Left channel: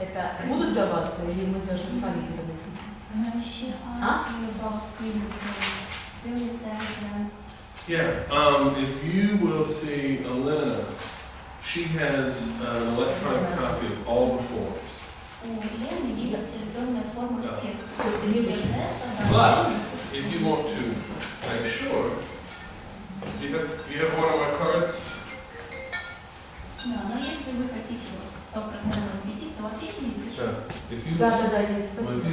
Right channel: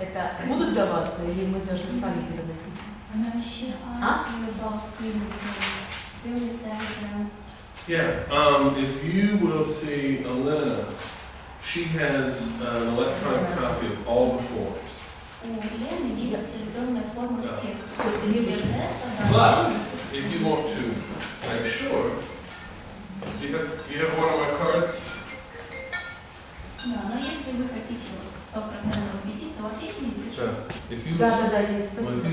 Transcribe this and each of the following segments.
Это будут даваться или мы должны сами передать? Yeah, if you will see Elena, she has an electronic copy of all the forms. But if you want to make sure, do you have one of my cards? So if you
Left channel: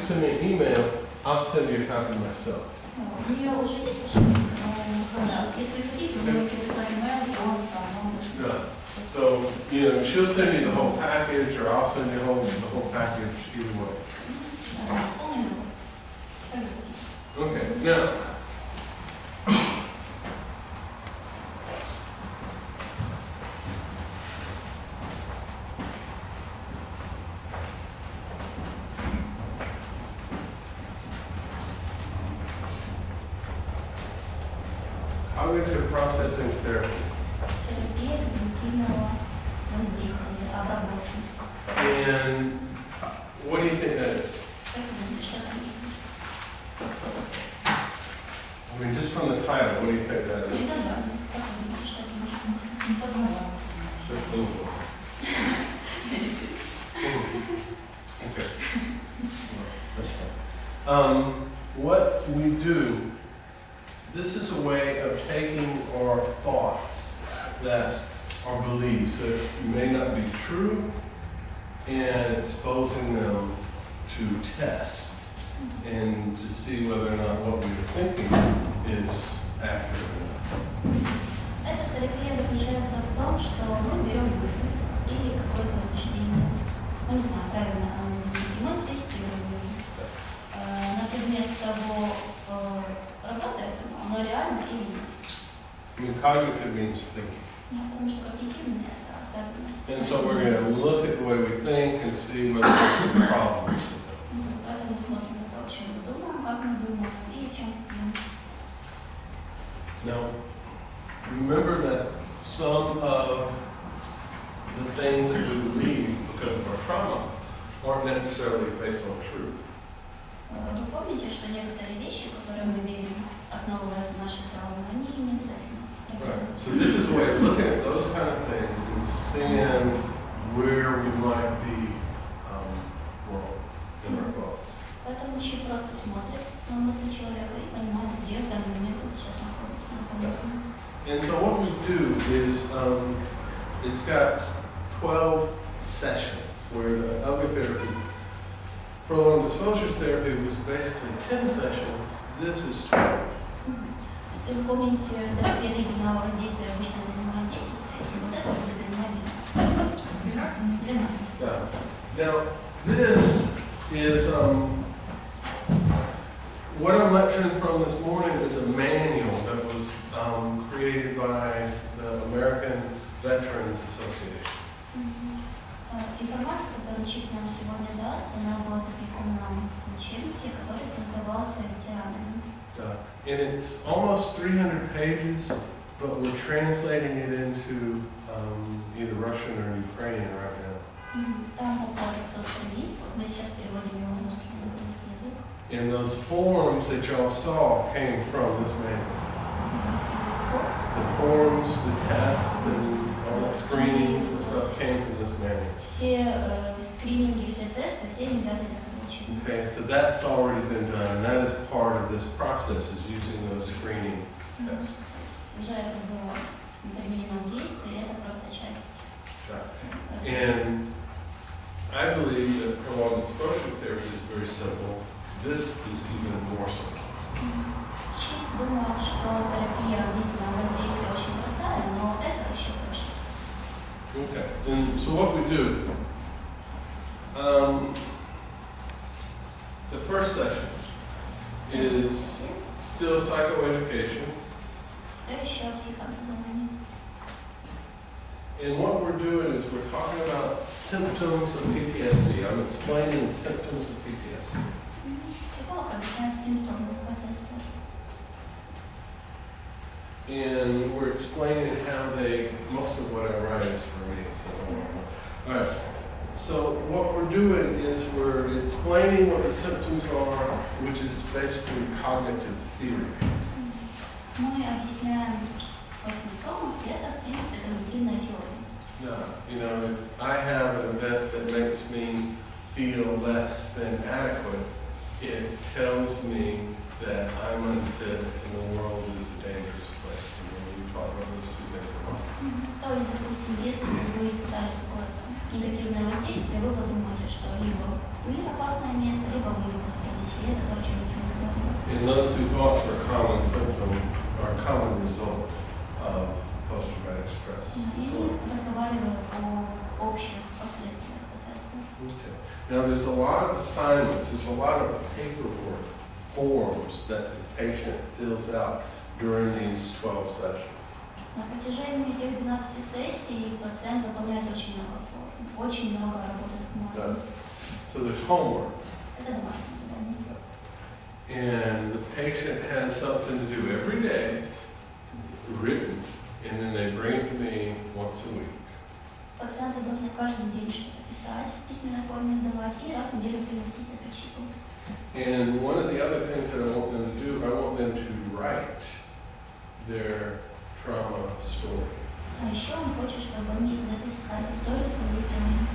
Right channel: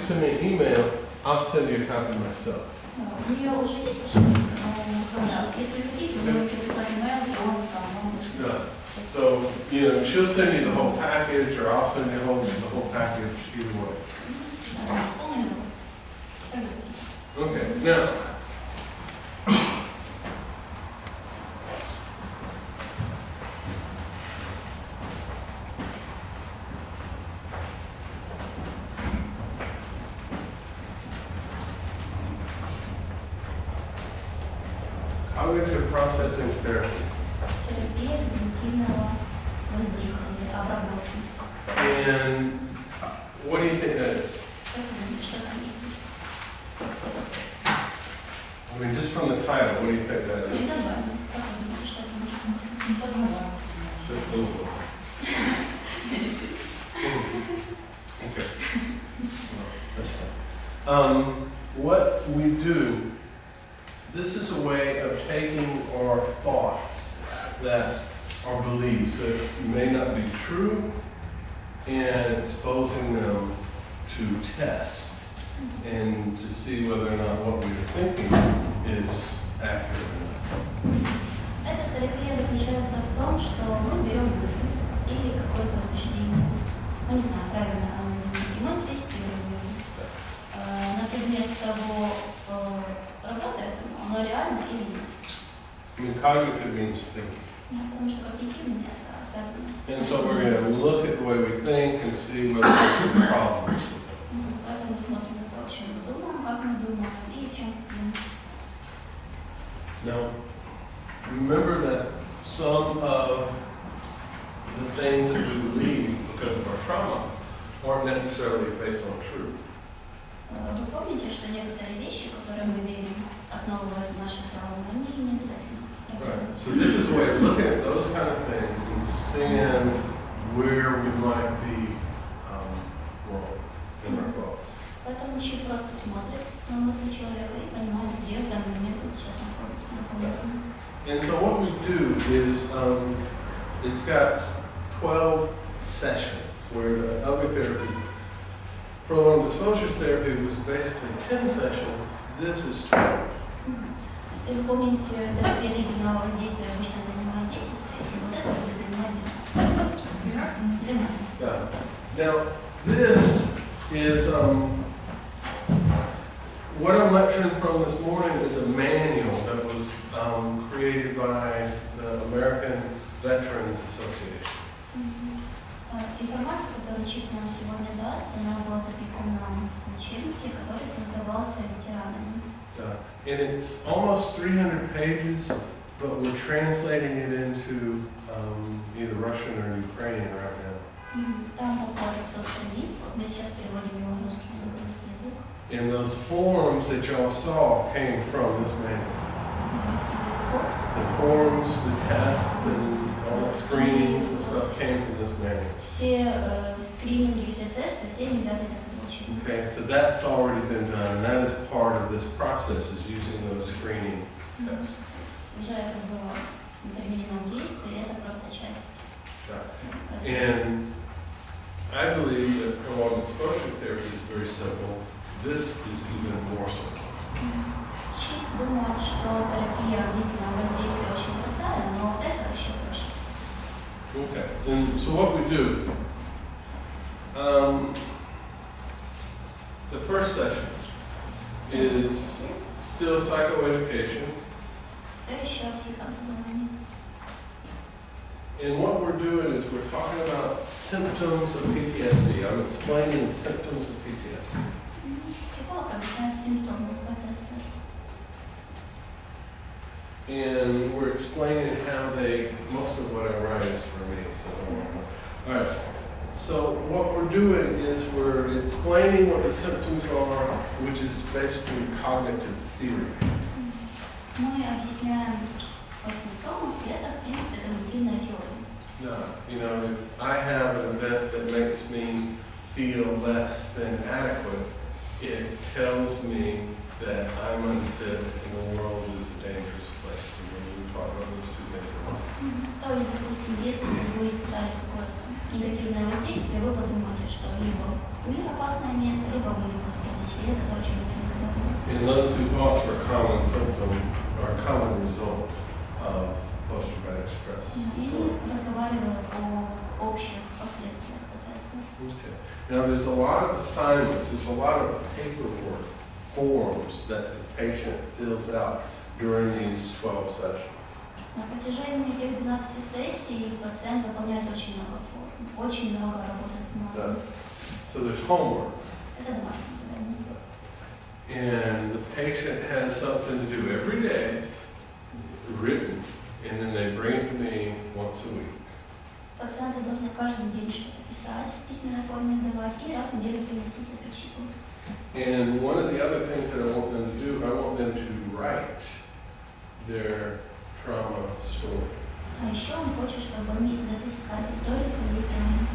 send me an email, I'll send you a copy myself. Yeah. So, she'll send you the whole package, or I'll send you the whole package either way. Okay, now, cognitive processing therapy. And what do you think that is? I mean, just from the title, what do you think that is? Okay. That's fine. What we do, this is a way of taking our thoughts that are beliefs that may not be true and exposing them to test and to see whether or not what we're thinking is accurate or not. Эта терапия заключается в том, что мы берем мысль или какое-то убеждение, мы не знаем, правильно оно или нет, и мы тестируем на предмет того, работает оно реально или нет. I mean, cognitive means thinking. Потому что когнитивное это связано с... And so we're going to look at the way we think and see whether there's problems. Поэтому мы смотрим на то, о чем мы думаем, как мы думаем и в чем проблема. Now, remember that some of the things that we believe because of our trauma aren't necessarily based on truth. Вы помните, что некоторые вещи, которые мы верим, основываясь на наших травмах, они не обязательно. Right. So this is a way of looking at those kind of things and seeing where we might be wrong in our thoughts. Поэтому учитель просто смотрит на мысли человека и понимает, где в данный момент он сейчас находится. And so what we do is, it's got 12 sessions where the other therapy, prolonged exposure therapy was basically 10 sessions. This is 12. Если вы помните, терапия длительного воздействия обычно занимает 10 сессий, вот это будет занимать 12. Yeah. Now, this is, what I'm lecturing from this morning is a manual that was created by the American Veterans Association. Информация, которую учитель нам сегодня даст, она была записана в учебнике, который создавался ветеранами. And it's almost 300 pages, but we're translating it into either Russian or Ukrainian right now. Там около 300 страниц, мы сейчас переводим его на русский и украинский язык. And those forms that y'all saw came from this manual. The forms, the tests, and all the screenings and stuff came from this manual. Все скрининги, все тесты, все они взяты из этого учебника. Okay, so that's already been done, and that is part of this process, is using those screening tests. Уже это было применено в действии, это просто часть. And I believe that prolonged exposure therapy is very simple. This is even more simple. Чип думает, что терапия длительного воздействия очень простая, но это еще проще. Okay, and so what we do, the first session is still psychoeducation. Все еще психообразование. And what we're doing is we're talking about symptoms of PTSD. I'm explaining symptoms of PTSD. Психолог объясняет симптомы ПТСР. And we're explaining how most of what I write is for me. So, all right. So what we're doing is we're explaining what the symptoms are, which is basically cognitive theory. Мы объясняем по симптомам, и это, в принципе, когнитивная теория. No, you know, if I have an event that makes me feel less than adequate, it tells me that I'm unfit and the world is a dangerous place. And when we talk about those two things a lot. То есть, допустим, если вы испытали какое-то негативное воздействие, вы подумаете, что либо мир опасное место, либо вы любите ходить. И это то, о чем я говорю. And those two thoughts are common symptom, or common result of post-traumatic stress И disorder. разговаривают о общих последствиях ПТСД. Okay. Now there's a lot of assignments, there's a lot of paperwork, forms that the patient fills out during these 12 sessions. На протяжении этих 12 сессий пациент заполняет очень много форм, очень много работы с бумагой. So there's homework. Это домашнее задание. And the patient has something to do every day, written, and then they bring it to me once a week. Пациенты должны каждый день что-то писать, в письменной форме сдавать и раз в неделю приносить это чипу. And one of the other things that I want them to do, I want them to write their trauma story. А еще он хочет, чтобы они записали историю своей травмы.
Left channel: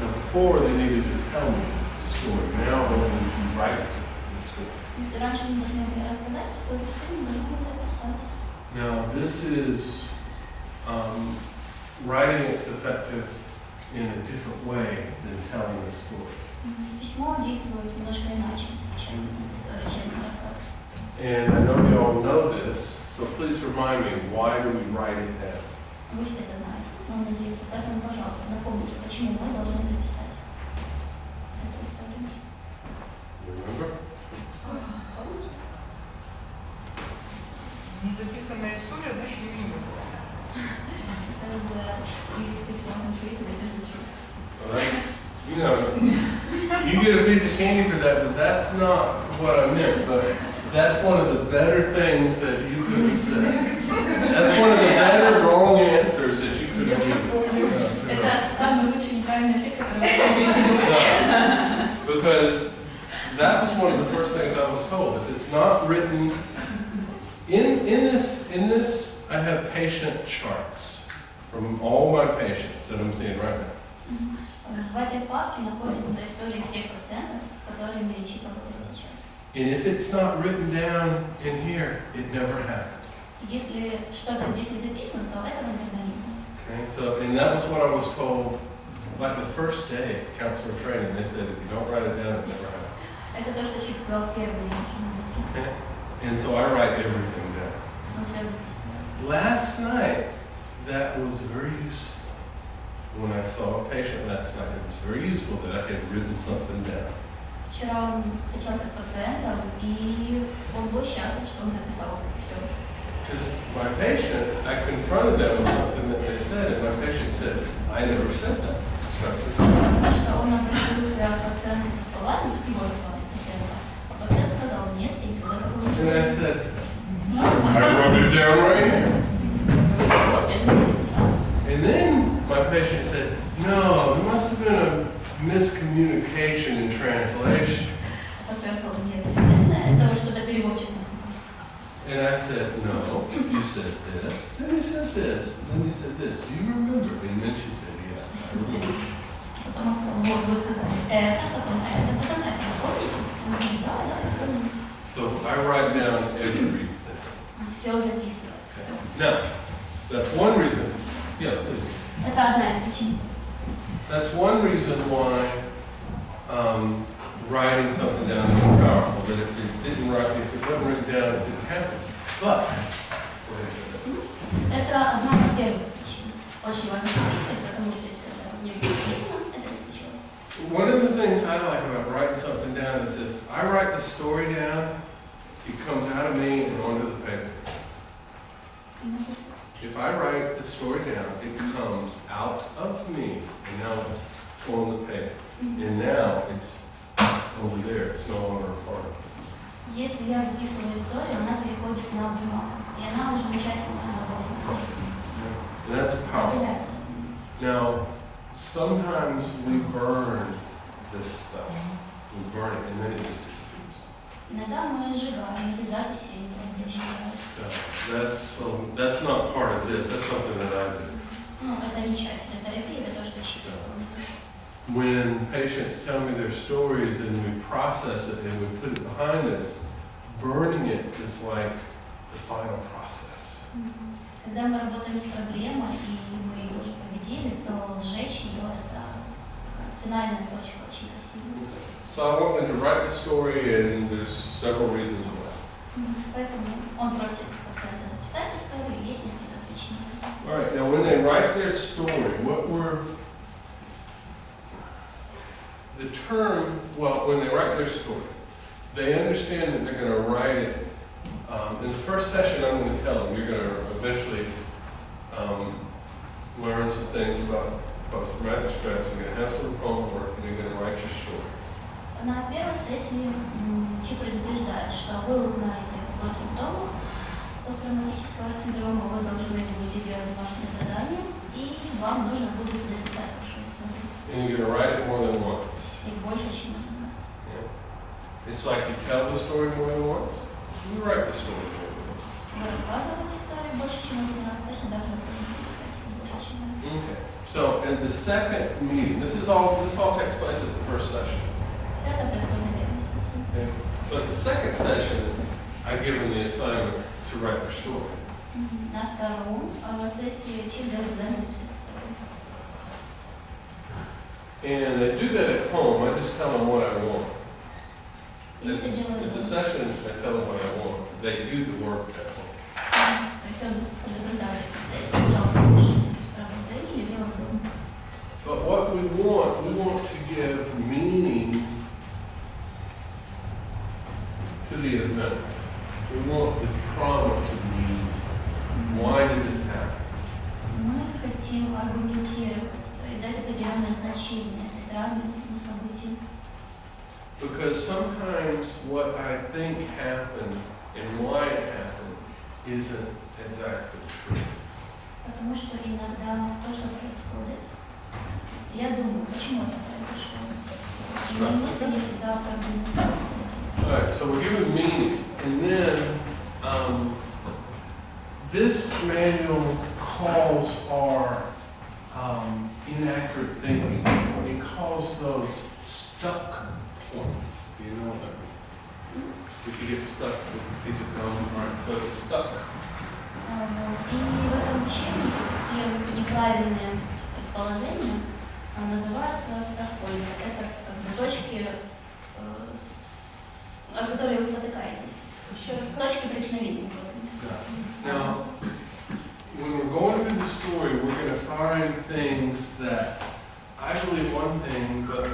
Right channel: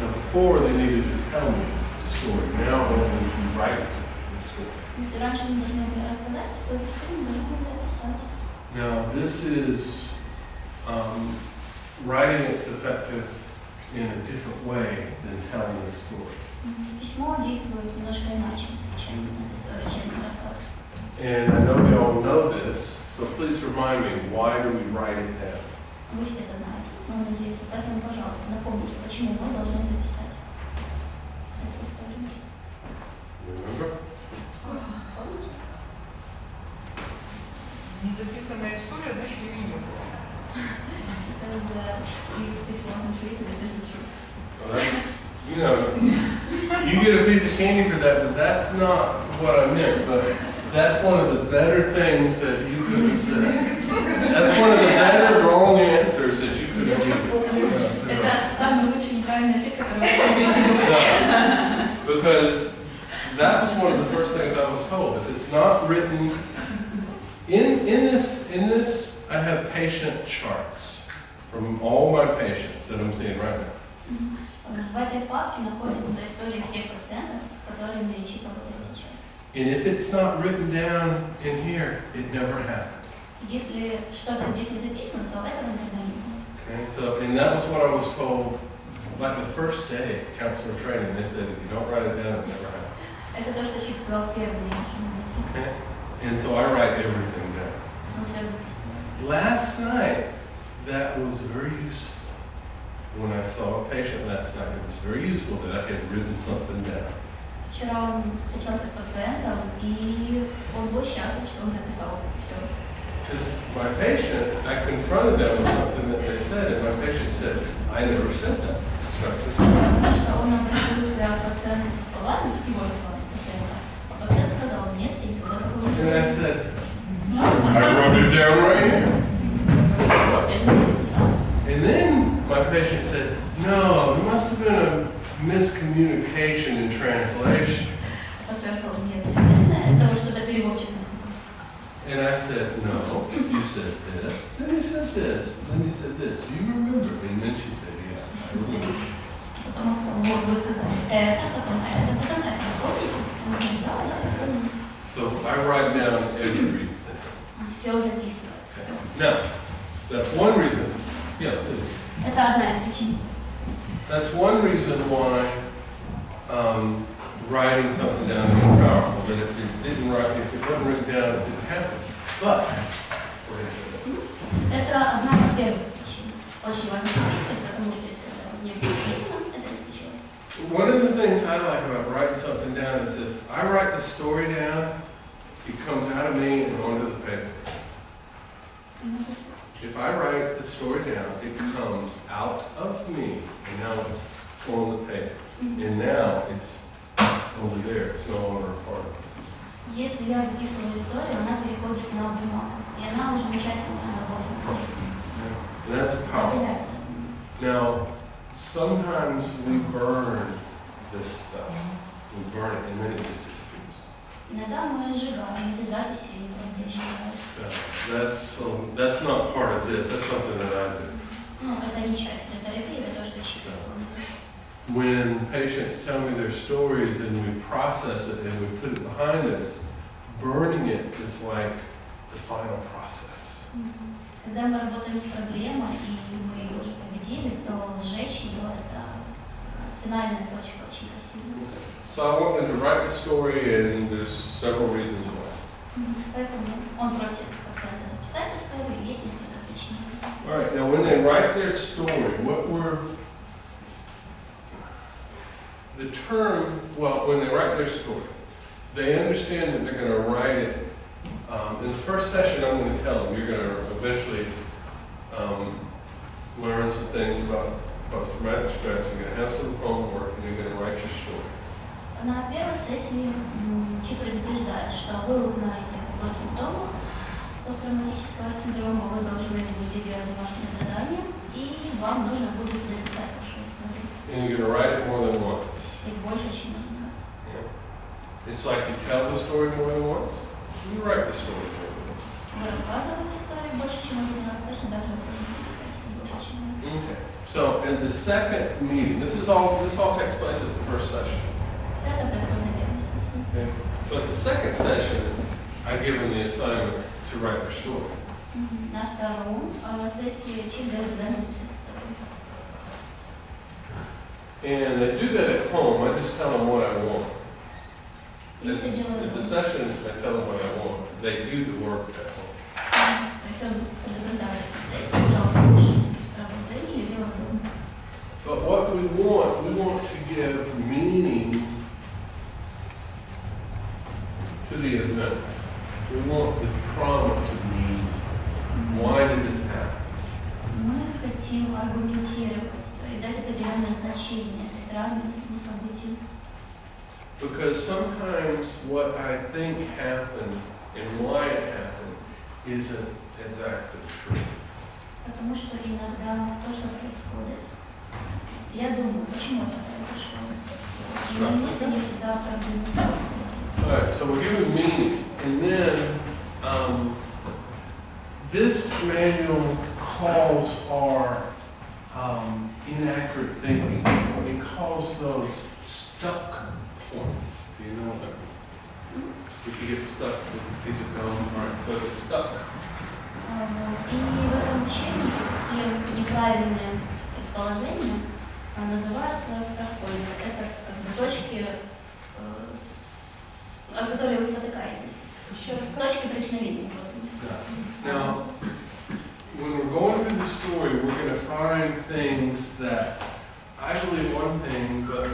Now before they needed to tell me the story, now I want them to write the story. Если раньше они должны были рассказать историю, теперь они должны были записать. Now this is writing is effective in a different way than telling the story. Письмо действует немножко иначе, чем рассказ. And I know you all know this, so please remind me, why do we write it down? Вы все это знаете, но надеюсь, поэтому, пожалуйста, напомните, почему мы должны записать эту историю. You remember? Помните? Незаписанная история, значит, ее не было. Well, that's, you know, you get a piece of candy for that, but that's not what I meant. But that's one of the better things that you could have said. That's one of the better wrong answers that you could have given. Это самый лучший неправильный ответ, который я Because that was one of the first things I was told. If it's not written in this, I have patient charts from all my patients that I'm seeing right now. В этой папке находится история всех пациентов, которые лечат работают сейчас. And if it's not written down in here, it never happened. Если что-то здесь не записано, то этого никогда не было. Okay, so, and that was what I was told, like the first day of counselor training. They said, if you don't write it down, it never happened. Это то, что Чип сказал в первый день. Okay, and so I write everything down. Он все записывает. Last night, that was very useful. When I saw a patient last night, it was very useful that I had written something down. Вчера он встречался с пациентом, и он был счастлив, что он записал все. Because my patient, I confronted them with something that they said, and my patient said, I never said that. Потому что он обратился к пациенту со словами, с его словами, с пациента. А пациент сказал, нет, я никогда такого не And I делал. said, I wrote it down right here. Вот, я же не написал. And then my patient said, no, there must have been a miscommunication in translation. Пациент сказал, нет, это вот что-то переводчик. And I said, no, you said this, then you said this, then you said this. Do you remember? And then she said, yes, I remember. Потом он сказал, вот, вы сказали, это, потом это. Помните? Он говорит, да, я помню. So I write down everything. Все записывает, все. Now, that's one reason. Yeah, please. Это одна из причин. That's one reason why writing something down is powerful. That if it wasn't written down, it didn't happen. But, what is it? Это одна из первых причин. Очень важно записывать, потому что если это не записано, это не случилось. One of the things I like about writing something down is if I write the story down, it comes out of me and onto the paper. If I write the story down, it comes out of me, and now it's on the paper. And now it's over there, it's no longer a part of me. Если я записываю историю, она переходит на бумагу, и она уже не часть моей работы. And that's powerful. Now, sometimes we burn this stuff. We burn it and then it just disappears. Иногда мы сжигаем эти записи и просто исчезают. That's not part of this. That's something that I do. Ну, это не часть этой терапии, это то, что чисто. When patients tell me their stories and we process it and we put it behind us, burning it is like the final process. Когда мы работаем с проблемой и мы ее уже победили, то сжечь ее это финальная точка, очень красивая. So I want them to write the story, and there's several reasons why. Поэтому он просит пациента записать историю, есть несколько причин. All right, now when they write their story, the term, well, when they write their story, they understand that they're going to write it. In the first session, I'm going to tell them, you're going to eventually learn some things about post-traumatic stress, you're going to have some homework, and you're going to write your story. На первой сессии Чи предупреждает, что вы узнаете о симптомах посттравматического синдрома, вы должны будете делать домашнее задание, и вам нужно будет написать вашу историю. And you're going to write it more than once. И больше, чем один раз. Yeah. It's like you tell the story more than once, you write the story more than once. Вы рассказываете историю больше, чем один раз, точно так же вы будете писать больше, чем раз. Okay. So in the second meeting, this all takes place at the first session. Все это происходит на первой сессии. Okay. So at the second session, I give them the assignment to write their story. На втором сессии Чи дает задание написать историю. And they do that at home. I just tell them what I want. И это делают At the дома. sessions, I tell them what I want. They do the work at home. То есть он предупреждает на сессии, пожалуйста, пишите работу или делать дома. But what we want to give meaning to the event. We want the trauma to mean. Why did this happen? Мы хотим аргументировать, то есть дать определенное значение этой травме, этому событию. Because sometimes what I think happened and why it happened isn't exactly true. Потому что иногда то, что происходит, я думаю, почему это произошло. И мои мысли не всегда оправданы. All right, so we're given meaning, and then this manual calls our inaccurate thinking. It calls those stuck points. Do you know what that means? If you get stuck with a piece of gum, right? So it's a stuck. И в этом учебнике такие неправильные предположения называются стакпоинты. Это как бы точки, о которых вы спотыкаетесь. Точки преткновения. Now, when we're going through the story, we're going to find things that I believe one thing, but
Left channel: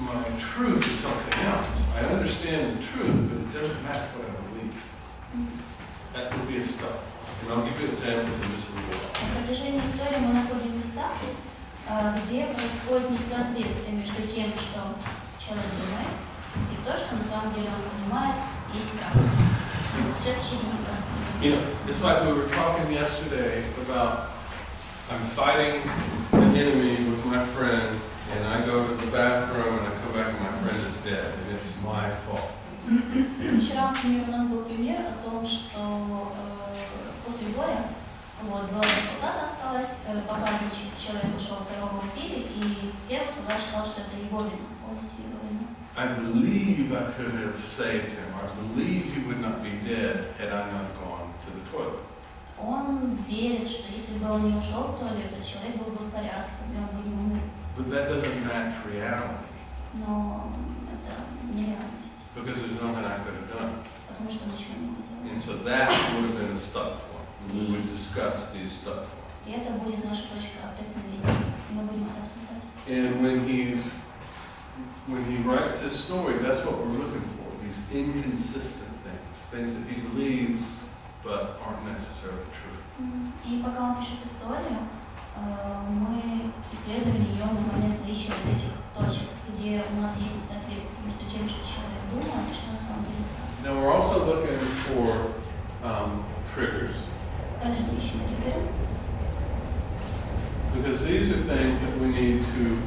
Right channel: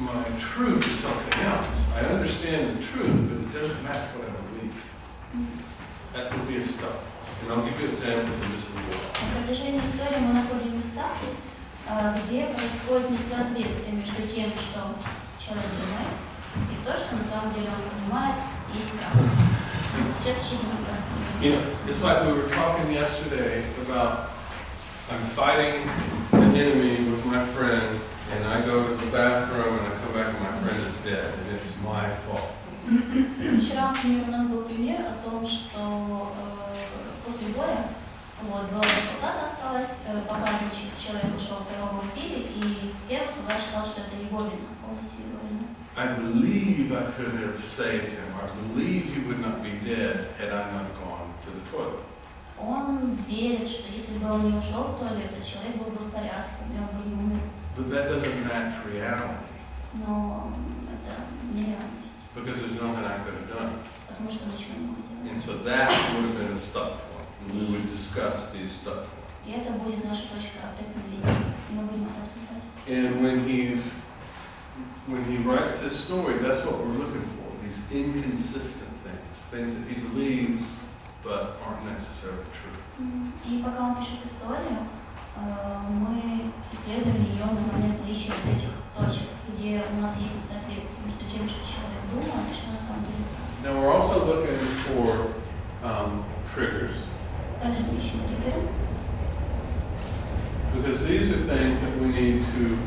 my truth is something else. I understand the truth, but it doesn't match what I believe. That would be a stuff. And I'll give you examples in just a little while. На протяжении истории мы находим места, где происходит несоответствие между тем, что человек думает, и то, что на самом деле он понимает, есть правда. Сейчас еще не рассказываю. You know, it's like we were talking yesterday about I'm fighting the enemy with my friend, and I go to the bathroom and I come back and my friend is dead, and it's my fault. Вчера, например, у нас был пример о том, что после боя два солдата осталось, пока человек ушел, второго убили, и первый солдат считал, что это его вина, полностью его вина. I believe I could have saved him. I believe he would not be dead had I not gone to the toilet. Он верит, что если бы он не ушел в туалет, то человек был бы в порядке, и он бы не умер. But that doesn't match reality. Но это нереальность, Because there's nothing I could have done. потому что ничего не мог сделать. And so that would have been a stuck point. And we would discuss these stuck points. И это будет наша точка преткновения, и мы будем это обсуждать. And when he writes his story, that's what we're looking for. These inconsistent things that he believes but aren't necessarily true. И пока он пишет историю, мы исследовали ее на момент наличия вот этих точек, где у нас есть несоответствие между тем, что человек думает, и что на самом деле правда. Now we're also looking for triggers. Также мы ищем триггеры. Because these are things that we need to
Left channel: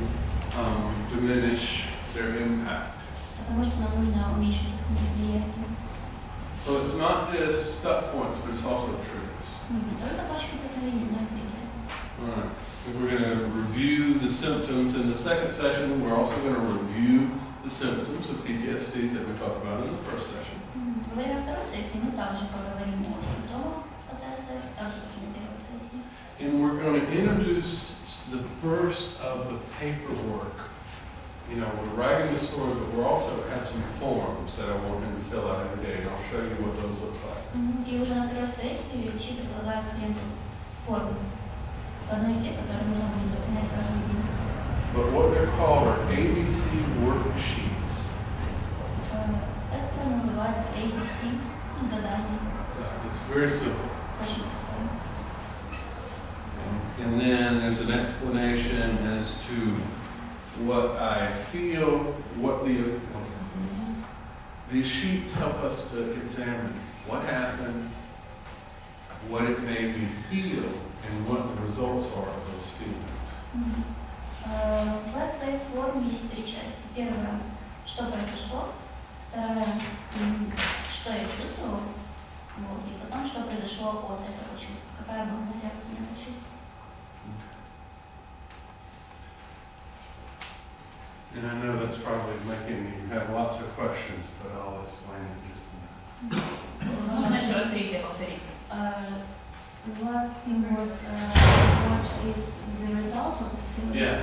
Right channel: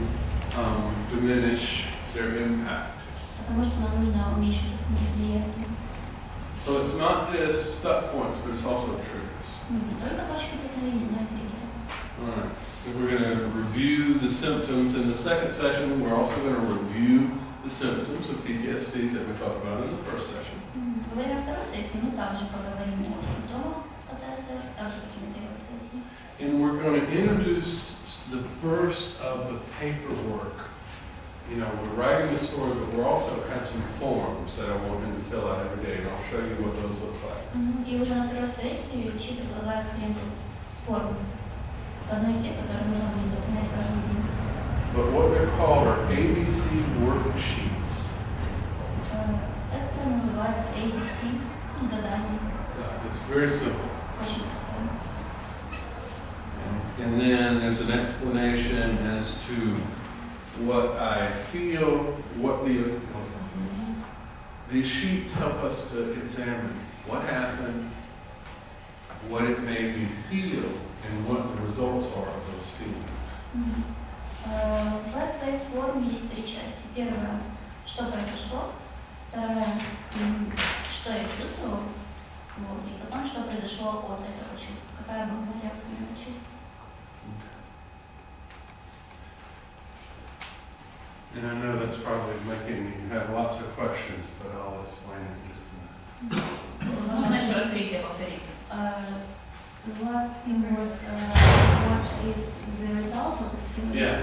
diminish their impact. Потому что нам нужно уменьшить их влияние. So it's not just stuck points, but it's also triggers. Не только точки преткновения, но и триггеры. All right. We're going to review the symptoms. In the second session, we're also going to review the symptoms of PTSD that we talked about in the first session. Во время второй сессии мы также поговорим о симптомах ПТСР, так же, как и на первой сессии. And we're going to introduce the first of the paperwork. You know, we're writing the story, but we're also have some forms that I want him to fill out every day, and I'll show you what those look like. И уже на второй сессии Чи предлагает клиенту форму. Одну из тех, которые нужно будет заполнять каждый день. But what they're called are ABC worksheets. Это называется ABC, задание. It's very simple. Очень простое. And then there's an explanation as to what I feel, what these sheets help us to examine what happened, what it made me feel, and what the results are of those feelings. В этой форме есть три части. Первая, что произошло. Вторая, что я чувствовала. Вот. И потом, что произошло от этого чувства. Какая была реакция на это чувство. And I know that's probably making you have lots of questions, but I'll explain it in just a minute. Можно еще раз третье повторить? The last thing was what is the result of this feeling? Yeah.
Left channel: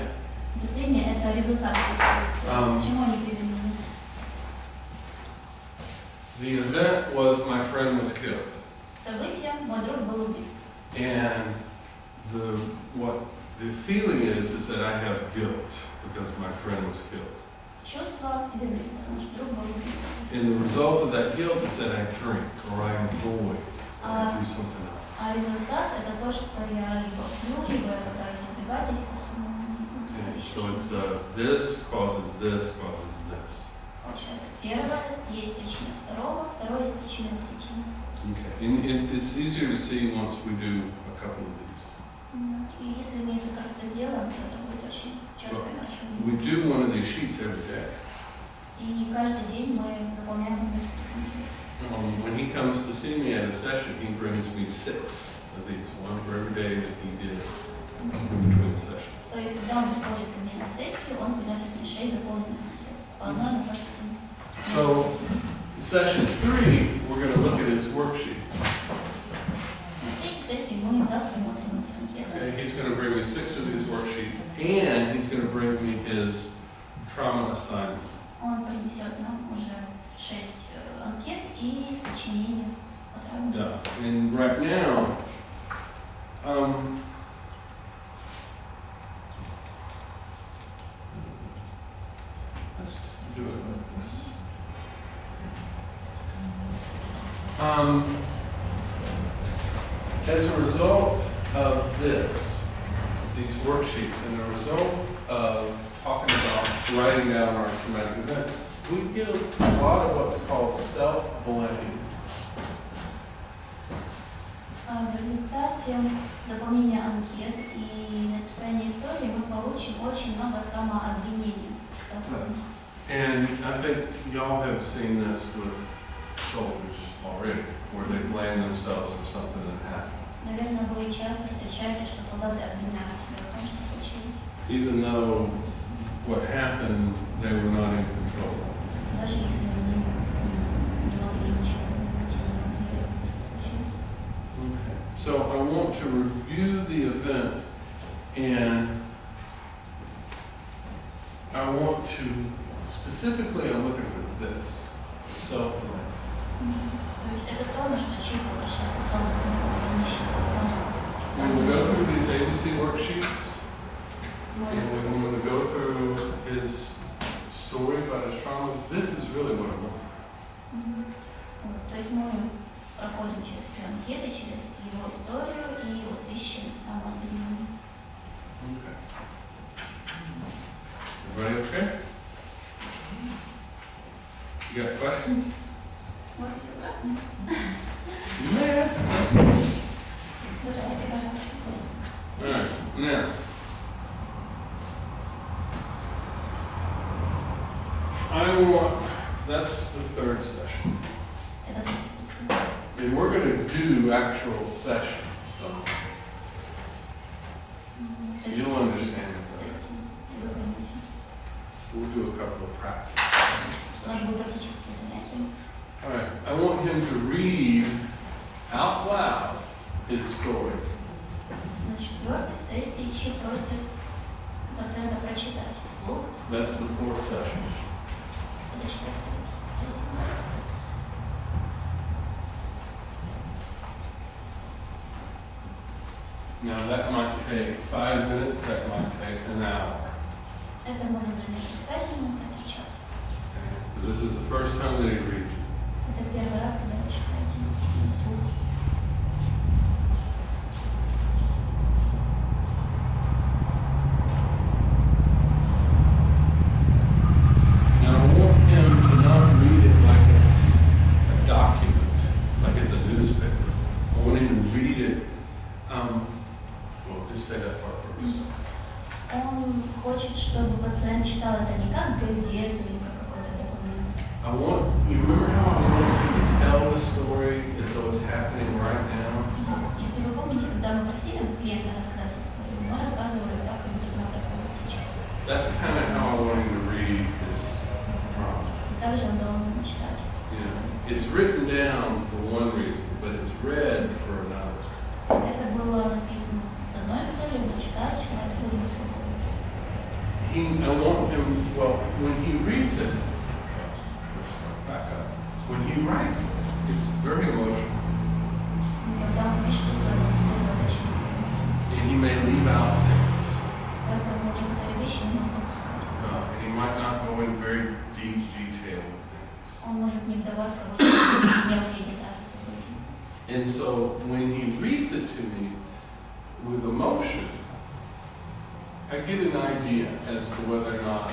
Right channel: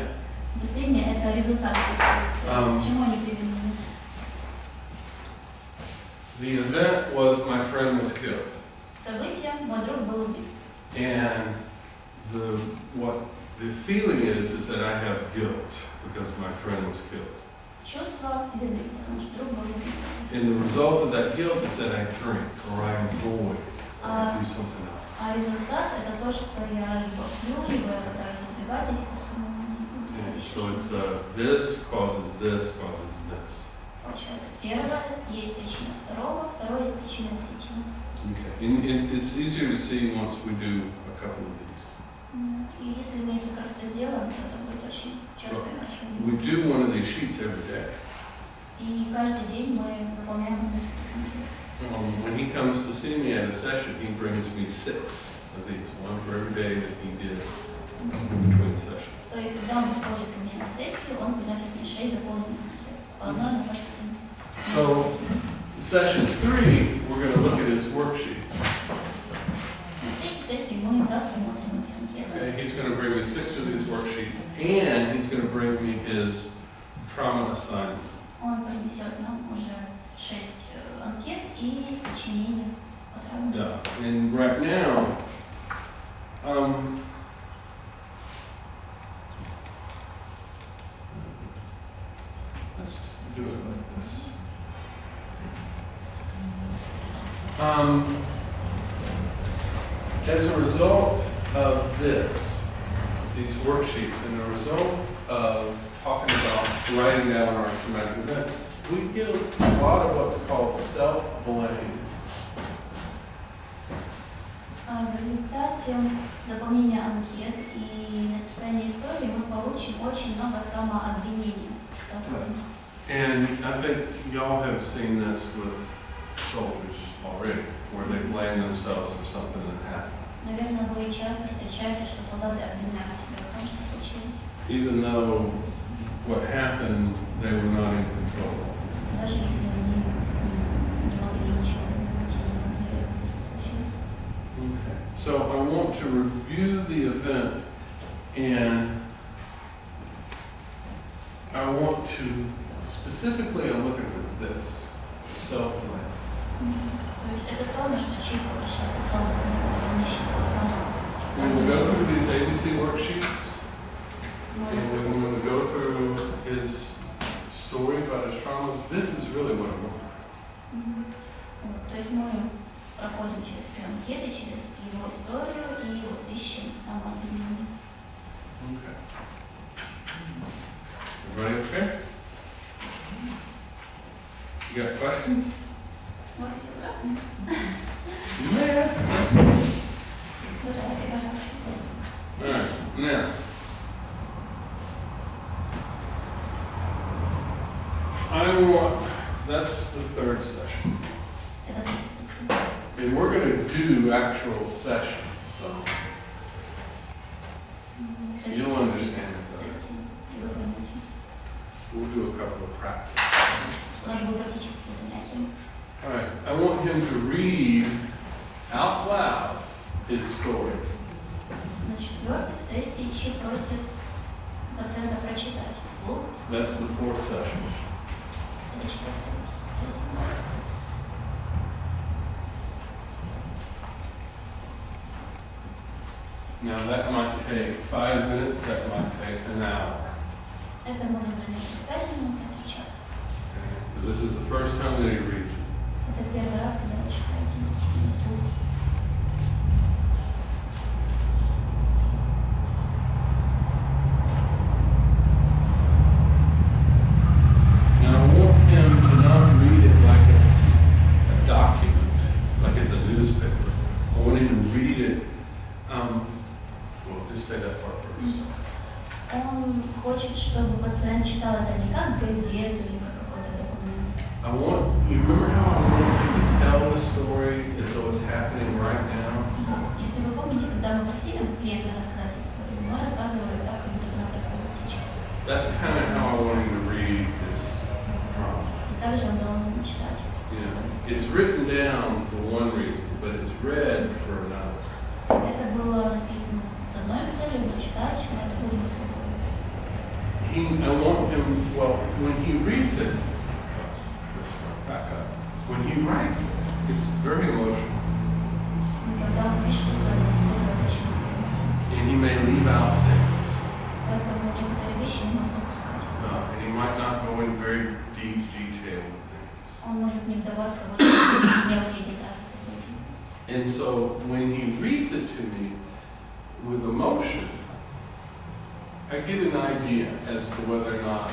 Последнее это результат чувств. К чему они привели? The event was my friend was killed. Событие, мой друг был убит. And what the feeling is that I have guilt because my friend was killed. Чувство вины, потому что друг был убит. And the result of that guilt is that I drink or I avoid or I do something else. А результат это то, что я либо пью, либо я пытаюсь избегать этих And so it's this causes this causes this. Получается, первое есть причина второго, второе есть причина третьего. Okay. And it's easier to see once we do a couple of these. И если мы несколько раз это сделаем, то это будет очень четкое наше We do one of these sheets every day. И каждый день мы заполняем несколько конкретов. When he comes to see me at a session, he brings me 6 of these, one for every day that he did in between sessions. То есть, когда он приходит ко мне на сессию, он приносит мне 6 заполненных анкет. По одной на каждый день. So, in session 3, we're going to look at his worksheets. На третьей сессии мы рассмотрим эти анкеты. Okay, he's going to bring me 6 of these worksheets, and he's going to bring me his trauma assignment. Он принесет нам уже 6 анкет и сочинения по травме. Yeah, and right now, let's do it like this. As a result of these worksheets, and a result of talking about writing down our traumatic event, we get a lot of what's called self-blame. В результате заполнения анкет и написания истории мы получим очень много самообвинения. And I think y'all have seen this with soldiers already, where they blame themselves for something that happened. Наверное, вы часто встречаете, что солдаты обвиняют себя в том, что случилось. Even though what happened, they were not in control. Даже если они не могли ничего изменить, не могли что случилось. Okay. So I want to review the event, and I want to, specifically I'm looking for this, self-blame. То есть это то, на что Чи обращает особое внимание. When we go through these ABC worksheets, and when we go through his story about his trauma, this is really what I want. Вот, то есть мы проходим через все анкеты, через его историю и вот ищем самообвинение. Okay. Everybody okay? You got questions? У вас есть вопросы? You may ask questions. Задавайте, пожалуйста. All right, now, that's the third session. Это третья сессия. And we're going to do actual sessions, so То есть you'll understand it. сессии, и вы поймете. We'll do a couple of practice. У нас будут практические занятия. All right, I want him to read out loud his story. На четвертой сессии Чи просит пациента прочитать вслух. That's the fourth session. Это четвертая сессия. Now that might take 5 minutes, that might take an hour. Это может занять 5 минут, это час. Okay? But this is the first time that he reads it. Это первый раз, когда вы читаете вслух. Now I want him to not read it like it's a document, like it's a newspaper. I want him to read it, well, just say that part first. Он хочет, чтобы пациент читал это не как газету или как какой-то документ. I want, you remember how I want him to tell the story as though it's happening right now? Если вы помните, когда мы просили клиента рассказать историю, мы рассказывали так, как будто она происходит сейчас. That's kind of how I want him to read his drama. И также он должен читать. Yeah. It's written down for one reason, but it's read for another. Это было написано с одной целью, читать, на это другую. I want him, well, when he reads it, let's start back up. When he writes it, it's very emotional. Когда он пишет историю, он использует очень много эмоций. And he may leave out things. Поэтому некоторые вещи не нужно упускать. And he might not go in very deep detail with things. Он может не вдаваться в очень мелкие детали событий. And so when he reads it to me with emotion, I get an idea as to whether or not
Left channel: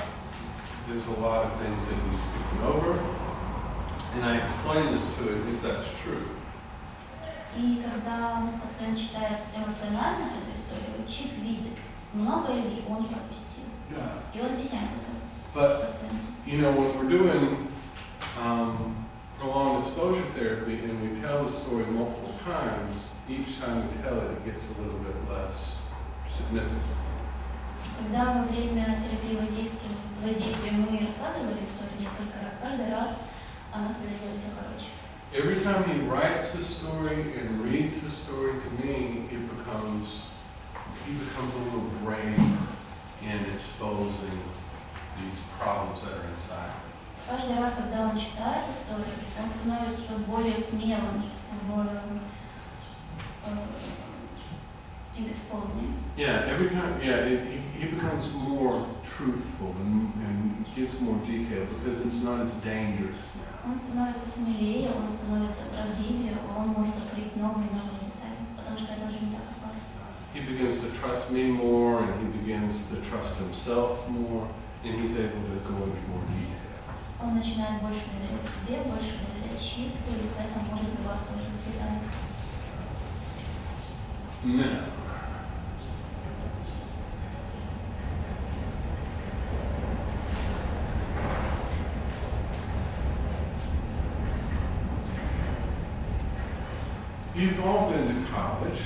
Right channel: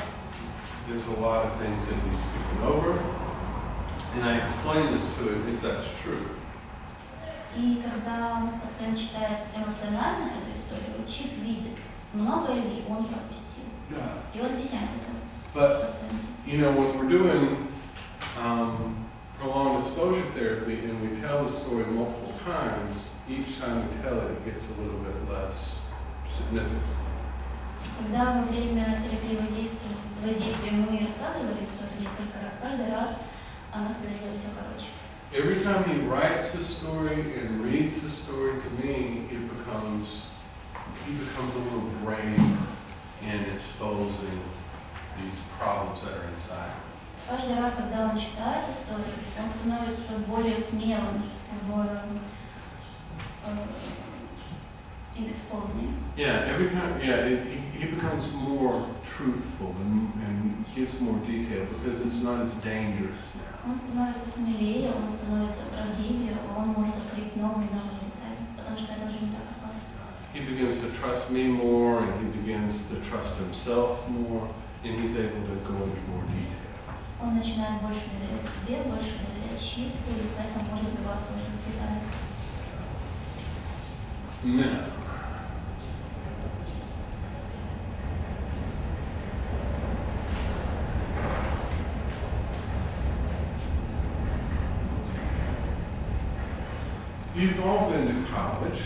there's a lot of things that he's skipping over. And I explain this to him if that's true. И когда пациент читает эмоционально эту историю, Чип видит, много ли он пропустил. Yeah. И он объясняет это But, пациенту. you know, when we're doing prolonged exposure therapy and we tell the story multiple times, each time we tell it, it gets a little bit less significant. Когда во время терапии воздействия мы рассказывали историю несколько раз, каждый раз она становилась все короче. Every time he writes the story and reads the story to me, he becomes a little brave in exposing these problems that are inside. Каждый раз, когда он читает историю, он становится более смелым in exposing. Yeah, every time, he becomes more truthful and gives more detail because it's not as dangerous now. Он становится смелее, он становится правдивее, он может открыть новые детали, потому что это уже не так опасно. He begins to trust me more and he begins to trust himself more and he's able to go into more detail. Он начинает больше доверять себе, больше доверять Чипу, и поэтому может вдаваться уже в детали. Now, you've all been to college.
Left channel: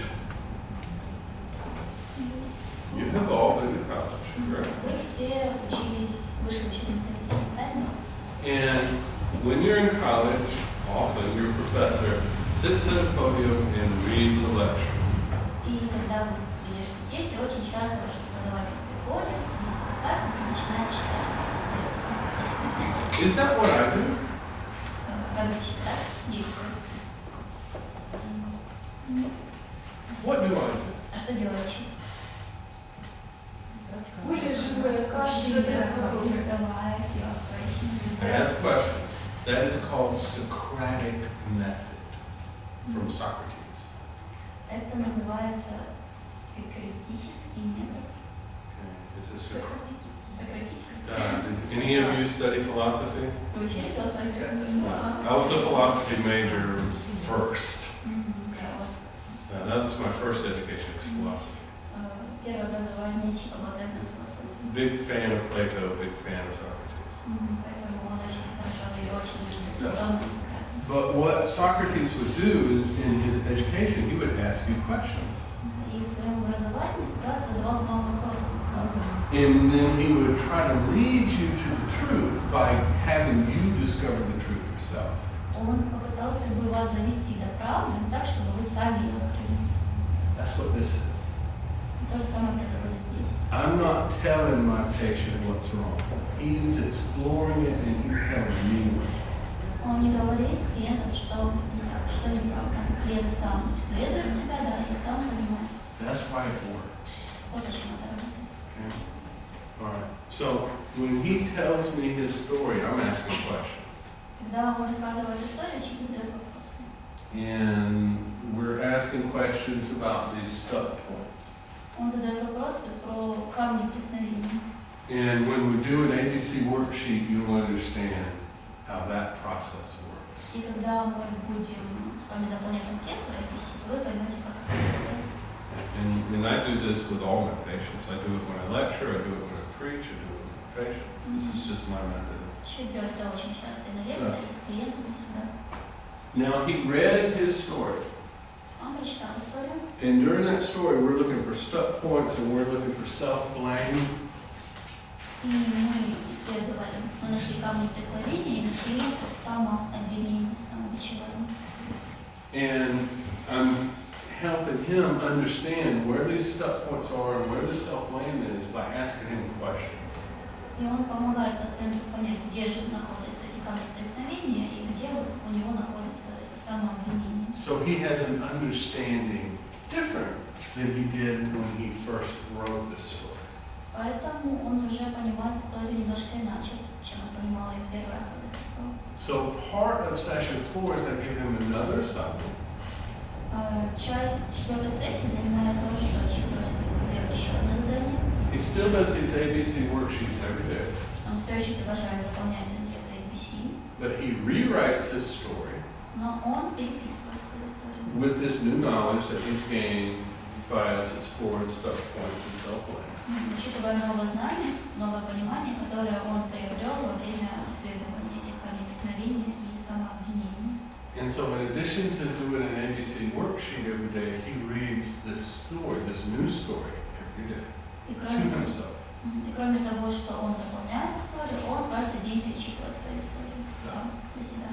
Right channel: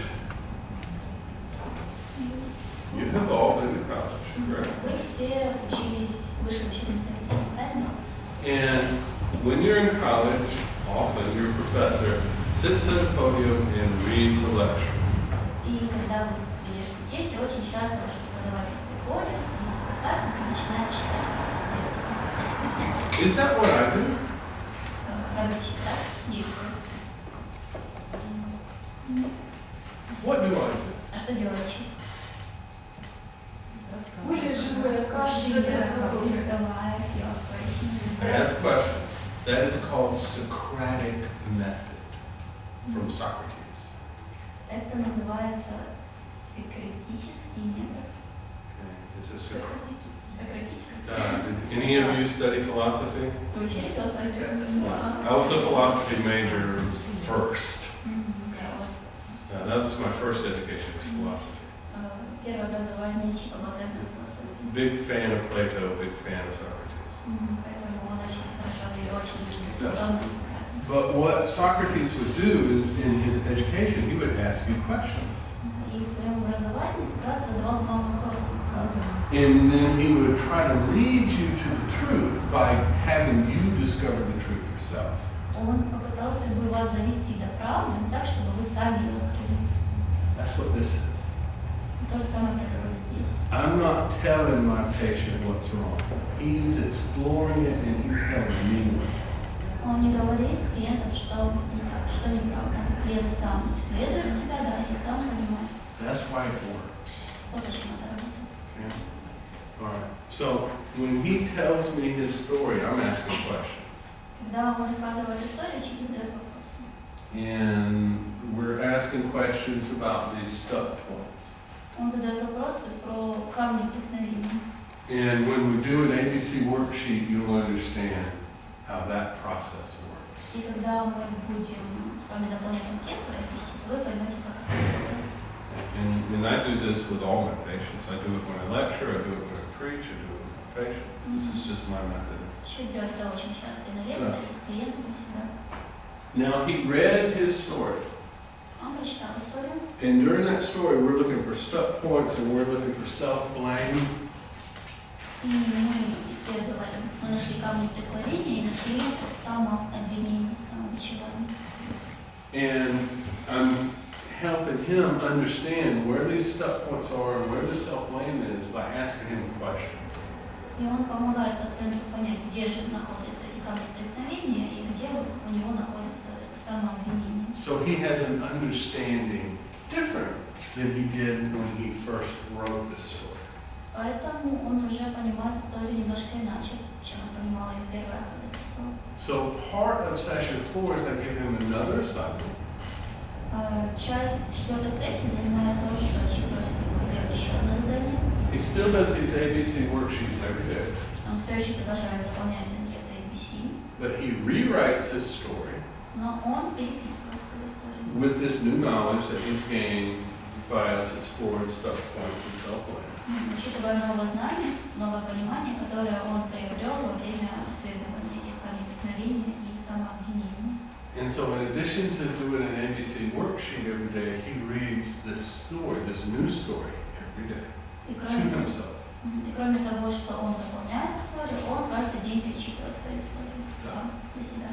You have all been to college, correct? Вы все учились в высшем учебном заведении, правильно? And when you're in college, often your professor sits at a podium and reads a lecture. И когда вы в университете, очень часто ваш преподаватель приходит, садится на кафедру и начинает читать лекцию. Is that what I do? Разве читать действует? What do I do? А что делает Чип? Более живое, каждый I ask questions. That is called Socratic Method from Socrates. Это называется сократический метод. Okay. This is Socratic. Сократический. Did any of you study philosophy? Вы учили философию? I was a philosophy major first. Да, вот. That was my first education was philosophy. Первое образование Чипа было связано с философией. Big fan of Plato, big fan of Socrates. Поэтому он очень хорошо и очень удобно искать. But what Socrates would do is, in his education, he would ask you questions. И в своем образовании Сократ задавал вам вопросы. And then he would try to lead you to the truth by having you discover the truth yourself. Он попытался бы вас довести до правды так, чтобы вы сами ее открыли. That's what this is. То же самое происходит здесь. I'm not telling my patient what's wrong. He's exploring it and he's telling me. Он не говорит клиентам, что не так, что неправда. Клиент сам исследует себя, да, и сам понимает. That's why it works. Вот почему это работает. Okay? All right. So when he tells me his story, I'm asking questions. Когда он рассказывает историю, человек задает вопросы. And we're asking questions about these stuck points. Он задает вопросы про камни преткновения. And when we do an ABC worksheet, you'll understand how that process works. И когда мы будем с вами заполнять анкету ABC, вы поймете, как это работает. And I do this with all my patients. I do it when I lecture, I do it when I preach, I do it with my patients. This is just my method. Еще делать это очень часто и на лекциях, и с клиентами всегда. Now, he read his story. Он прочитал историю. And during that story, we're looking for stuck points and we're looking for self-blame. И мы исследовали, мы нашли камни преткновения и нашли самообвинение, самобичевание. And I'm helping him understand where these stuck points are and where the self-blame is by asking him questions. И он помогает пациенту понять, где же находятся эти камни преткновения и где вот у него находится это самообвинение. So he has an understanding different than he did when he first wrote this story. Поэтому он уже понимает историю немножко иначе, чем он понимал ее в первый раз, когда писал. So part of session 4 is I give him another assignment. Часть четвертой сессии занимает то, что человек просит его сделать еще одно задание. He still does these ABC worksheets every day, Он все еще продолжает заполнять анкеты ABC, but he rewrites his story но он переписывает свою историю. with this new knowledge that he's gained by us exploring stuck points and self-blame. Учитывая новое знание, новое понимание, которое он приобрел во время исследования этих камней преткновения и самообвинения. And so in addition to doing an ABC worksheet every day, he reads this story, this new story, every day И to кроме, himself. того, что он заполняет историю, он каждый день перечитывает свою историю сам для себя.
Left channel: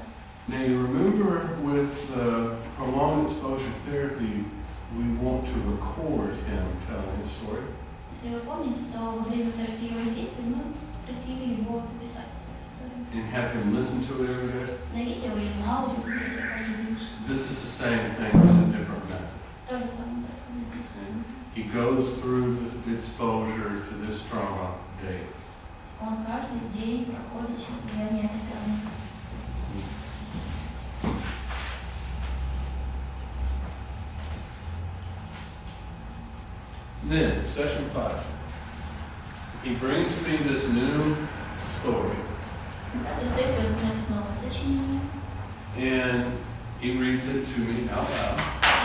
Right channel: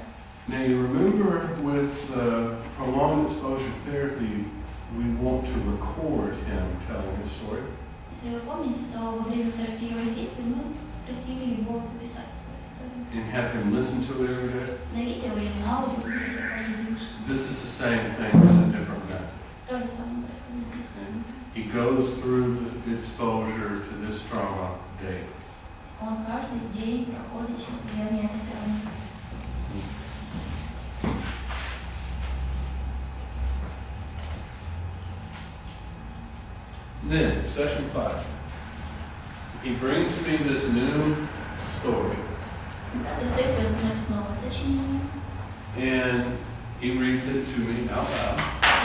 Now you remember with prolonged exposure therapy, we want to record him telling his story. Если вы помните, то во время терапии воздействия мы просили его записать свою историю. And have him listen to it every day. На видео или на аудио слушать ее каждый день. This is the same thing, it's a different method. То же самое происходит здесь. And he goes through the exposure to this trauma daily. Он каждый день проходит через влияние этой травмы. Then, session 5. He brings me this new story. На пятую сессию он приносит новое сочинение And he reads it to me out loud.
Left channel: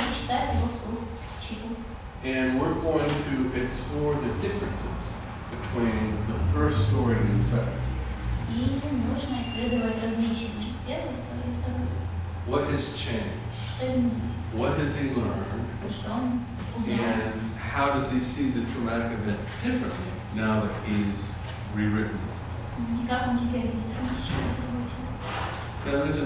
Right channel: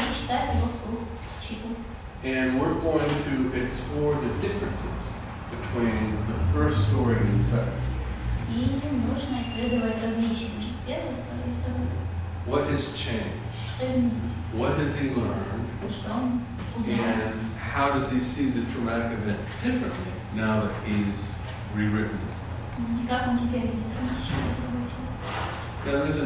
и читает его вслух, читает. And we're going to explore the differences between the first story and the second story. И нужно исследовать различия между первой историей и второй. What has changed? Что изменилось? What has he learned? Что он узнал? And how does he see the traumatic event differently now that he's rewritten this? И как он теперь видит травматическое событие? Now there's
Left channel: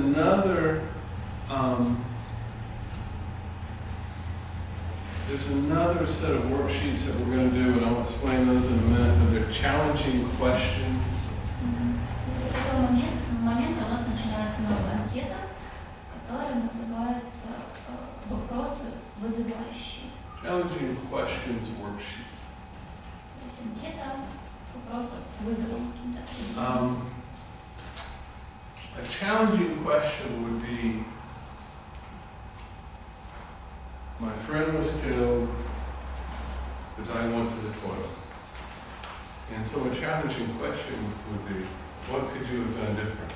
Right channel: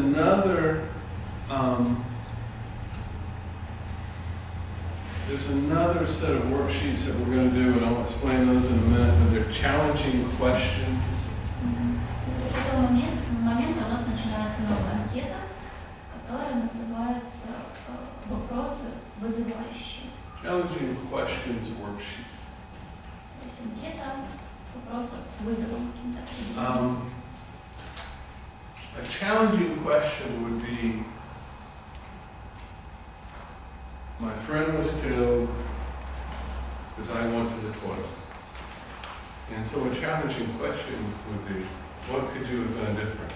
another set of worksheets that we're going to do, and I'll explain those in a minute, but they're challenging questions. С этого момента у нас начинается новая анкета, которая называется «Вопросы вызывающие». Challenging questions worksheet. То есть анкета вопросов с вызовом каким-то. A challenging question would be, my friend was killed because I went to the toilet. And so a challenging question would be, what could you have done different?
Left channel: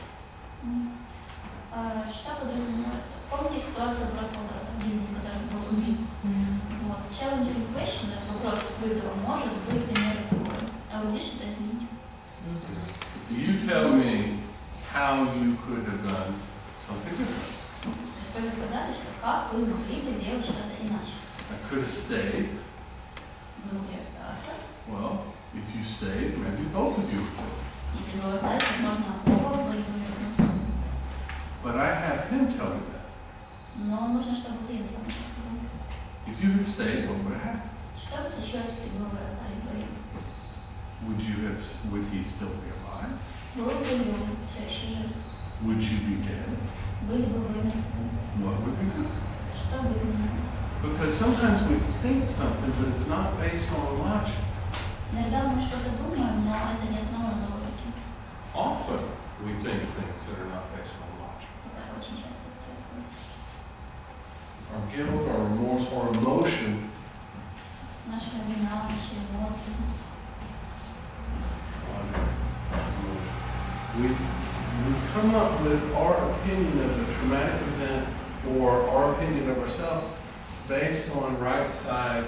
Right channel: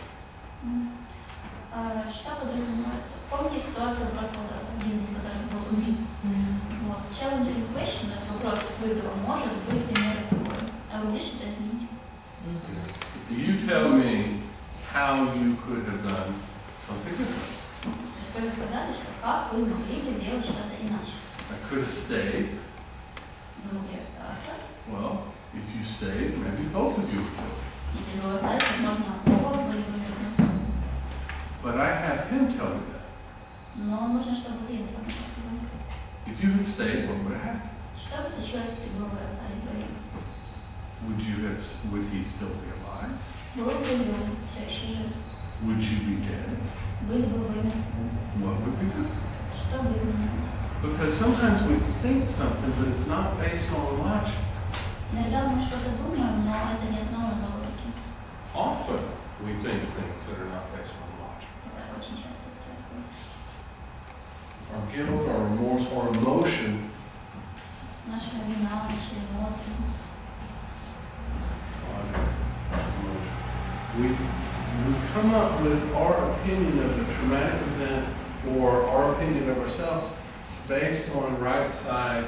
Что подразумевается? Помните ситуацию прошлого бензина, который был убит? Вот. Challenging question, вопрос с вызовом, может быть примерно такой. А вы можете это изменить? You tell me how you could have done something different. То есть вы сказали, что как вы могли бы делать что-то иначе. I could have stayed. Вы могли остаться. Well, if you stayed, maybe both of you would kill. Если бы вы остались, возможно, оба были бы мертвы. But I have him tell me that. Но нужно, чтобы вы сам это сказал. If you had stayed, what would have happened? Что бы случилось, если бы вы остались вдвоем? Would he still be alive? Был бы ли он все еще жив? Would you be dead? Были бы вы мертвы? What would be different? Что бы изменилось? Because sometimes we think something, but it's not based on logic. Иногда мы что-то думаем, но это не основано на логике. Often we think things that are not based on logic. Это очень часто происходит. Our guilt, our remorse, or emotion Наша вина, наши эмоции. we come up with our opinion of the traumatic event or our opinion of ourselves based on right side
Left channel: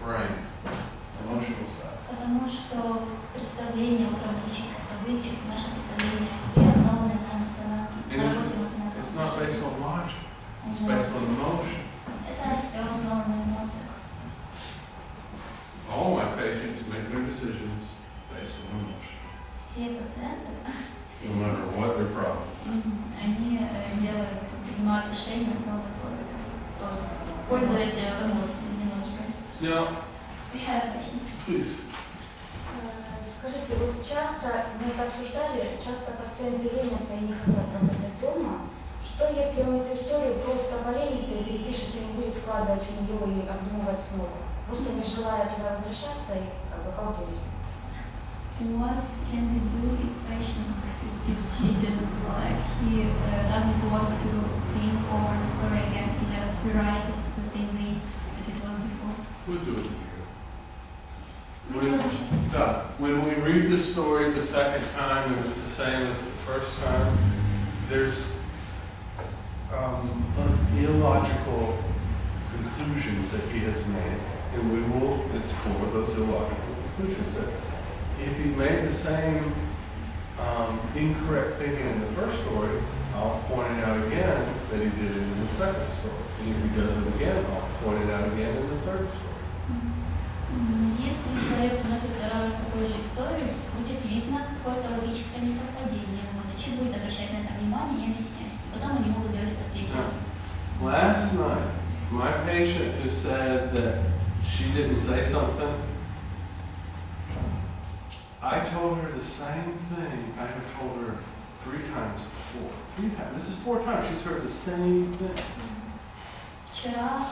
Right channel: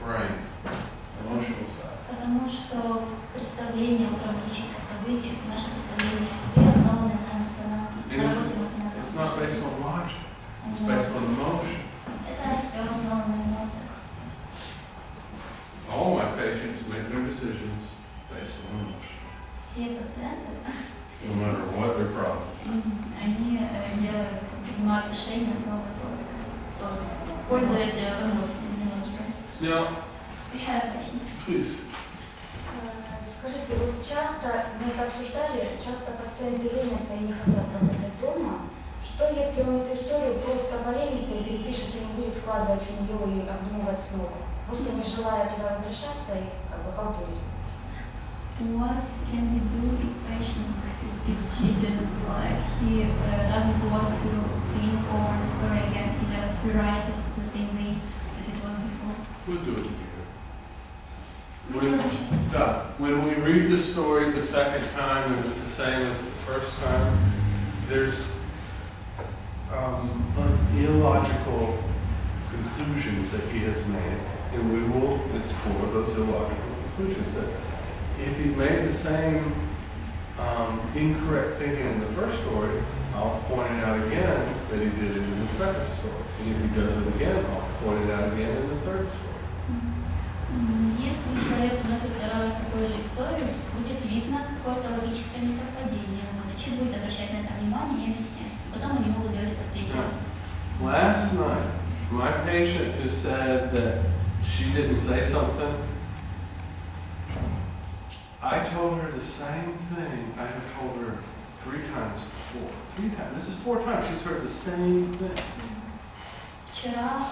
brain, emotional side. Потому что представление о травматических событиях, наше представление о себе основано на эмоциональном, на работе эмоционального. It's not based on logic, it's based on emotion. Это все основано на эмоциях. All my patients make their decisions based on emotion, Все пациенты, no matter what their problem. они принимают решения основы своих, тоже пользуясь эмоциями немножко. Now, please. Скажите, вот часто, мы это обсуждали, часто пациенты ленятся и не хотят работать дома. Что если он эту историю просто поленится и перепишет, и не будет вкладывать в нее и обдумывать снова? Просто не желая туда возвращаться и как бы халтурить. What can we do if patient is cheated? Like he doesn't want to think over the story again, he just rewrites it the same way as it was before. We'll do it together. Мы When we read the story the second time and it's the same as the first time, there's illogical conclusions that he has made, and we will explore those illogical conclusions. That if he made the same incorrect thinking in the first story, I'll point it out again that he did it in the second story. And if he does it again, I'll point it out again in the third story. Если человек вносит второй раз такую же историю, будет видно какое-то логическое несовпадение. Врач будет обращать на это внимание и объяснять. Потом они могут делать это в третий раз. Last night, my patient who said that she didn't say something, I told her the same thing I have told her 3 times before. 3 times. This is 4 times. She's heard the same thing. Вчера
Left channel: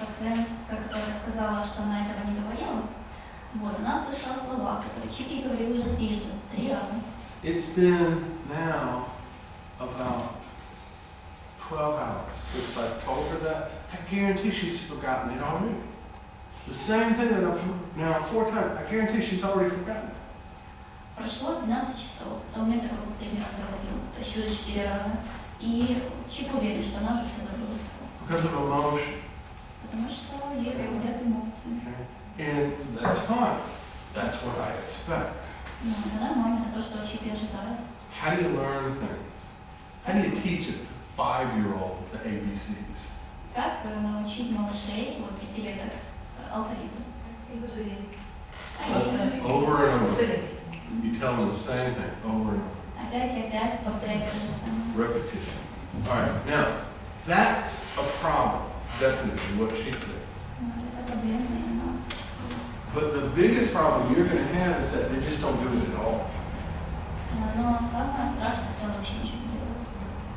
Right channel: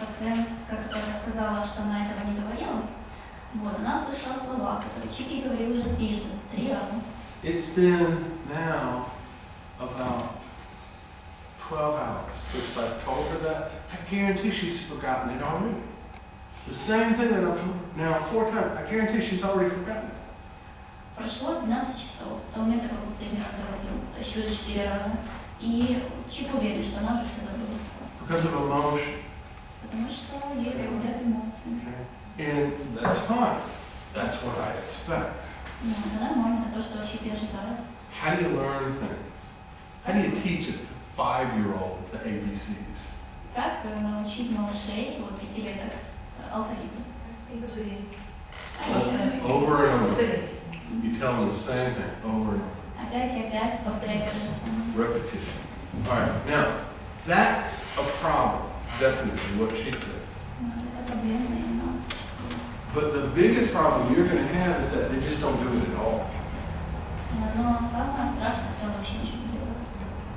пациент как-то сказала, что она этого не говорила. Вот, она услышала слова, которые Чипи говорил уже 3 раза. It's been now about 12 hours since I've told her that. I guarantee she's forgotten it already. The same thing that I've told her now 4 times. I guarantee she's already forgotten it. Прошло 12 часов с того момента, как он последний раз говорил, еще 4 раза. И Чип уверен, что она уже все забыла. Because of emotion. Потому что ей руководят эмоции. And that's fine. That's what I expect. Ну, это нормально, это то, что Чип ожидает. How do you learn things? How do you teach a 5-year-old the ABCs? Как научить малышей от 5-леток алфавиту? Over and over. You tell them the same thing over and over. Опять и опять повторять то же самое. Repetition. All right. Now, that's a problem. Definitely what she said. Это проблема, и она существует. But the biggest problem you're going to have is that they just don't do it at all. Но самое страшное, если он вообще ничего не делает.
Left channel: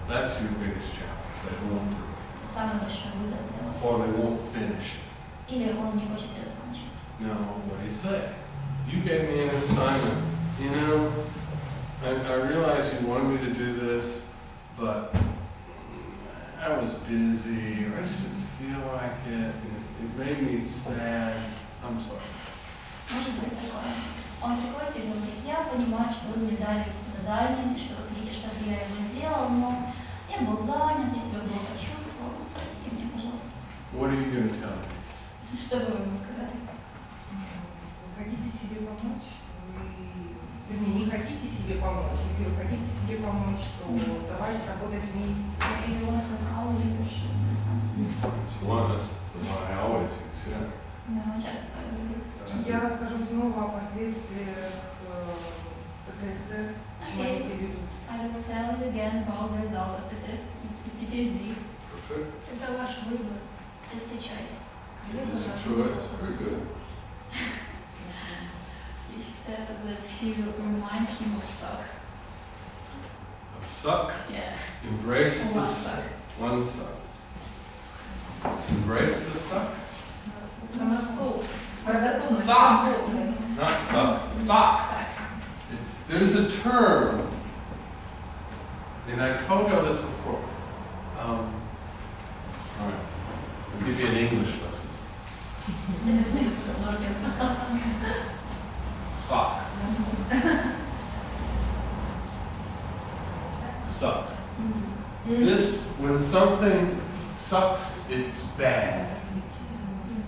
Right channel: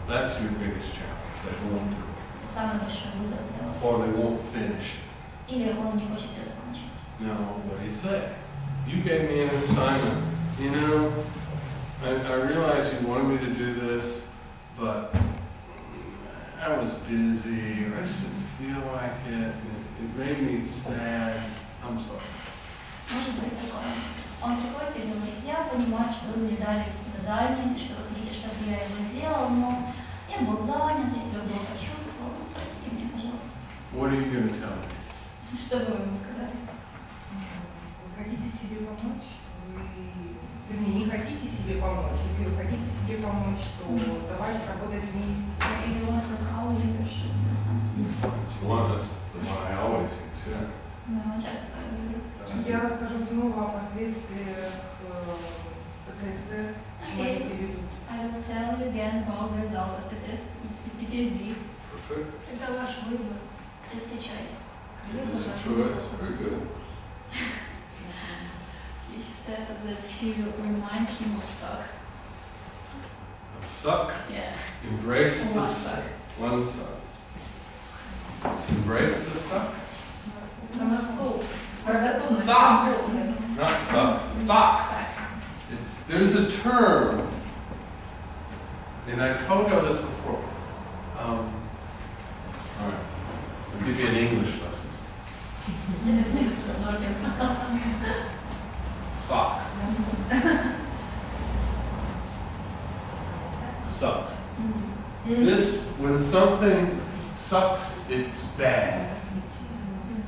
That's your biggest challenge. They won't do it. Это самый большой вызов для вас. Or they won't finish it. Или он не хочет ее закончить. No, what do you say? You gave me an assignment. You know, I realize you wanted me to do this, but I was busy, or I just didn't feel like it, and it made me sad. I'm sorry. Может быть такое. Он приходит и говорит, я понимаю, что вы мне дали задание, что вы хотите, чтобы я его сделал, но я был занят, я себя плохо чувствовал. Простите меня, пожалуйста. What are you going to tell me? Что бы вы ему сказали? Вы хотите себе помочь, вы вернее, не хотите себе помочь. Если вы хотите себе помочь, то давайте работать вместе. So if you want to call you should do something. That's the one I always use, yeah. Да, часто так говорю. Я расскажу снова о последствиях ПТСР, почему они приведут. I will tell you again about the results of PTSD. Perfect. Это ваш выбор. It's your choice. It's a choice. Very good. She said that she will remind him of suck. Of suck. Yeah. Embrace the One suck. suck. One suck. Embrace the suck. На носу. Разоту. Sock. Not suck. Sock. There's a term, and I told you this before. All right. I'll give you an English lesson. Sock. Suck. This, when something sucks, it's bad.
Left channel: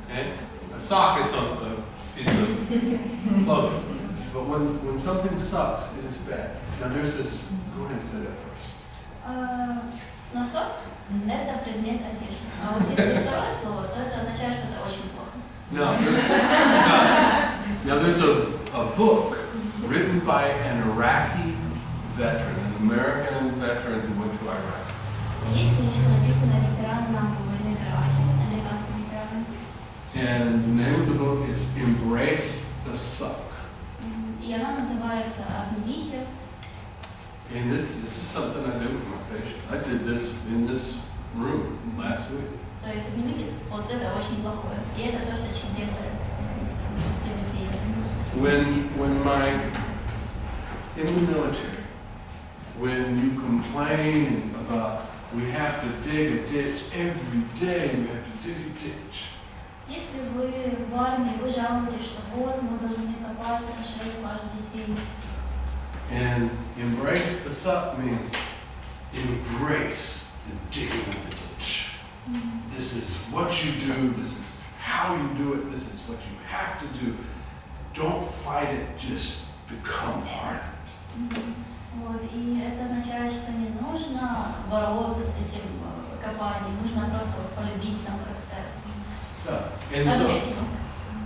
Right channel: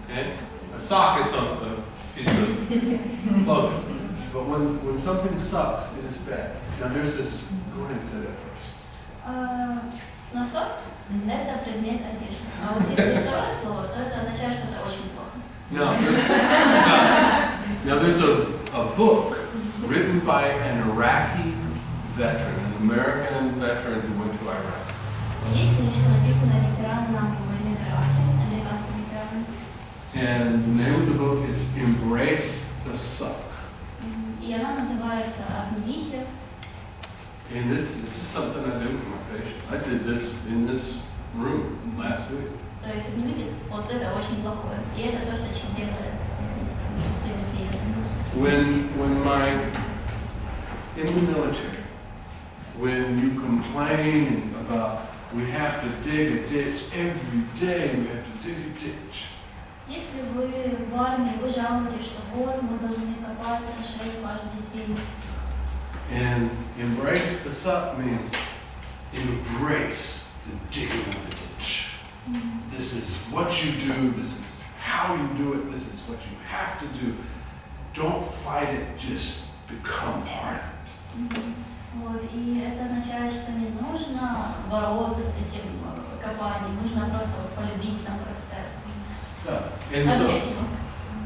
Okay? A sock is something, a piece of clothing. But when something sucks, it is bad. Now there's this, go ahead and say that first. Носок – это предмет одежды. А вот если второе слово, то это означает, что это очень плохо. Now there's a book written by an Iraqi veteran, an American veteran who went to Iraq. Есть книжка, написанная ветераном войны в Ираке, американским ветераном. And the name of the book is Embrace the Suck. И она называется «Обнимите». And this is something I do with my patients. I did this in this room last week. То есть обнимите, вот это очень плохое. И это то, что чем делает с своими клиентами. In the military, when you complain about we have to dig a ditch every day, we have to dig a ditch. Если вы в армии, вы жалуетесь, что вот мы должны копать траншеи каждый день. And embrace the suck means embrace the digging of the ditch. This is what you do, this is how you do it, this is what you have to do. Don't fight it, just become part of it. Вот, и это означает, что не нужно бороться с этим копанием, нужно просто вот полюбить сам процесс. Yeah. And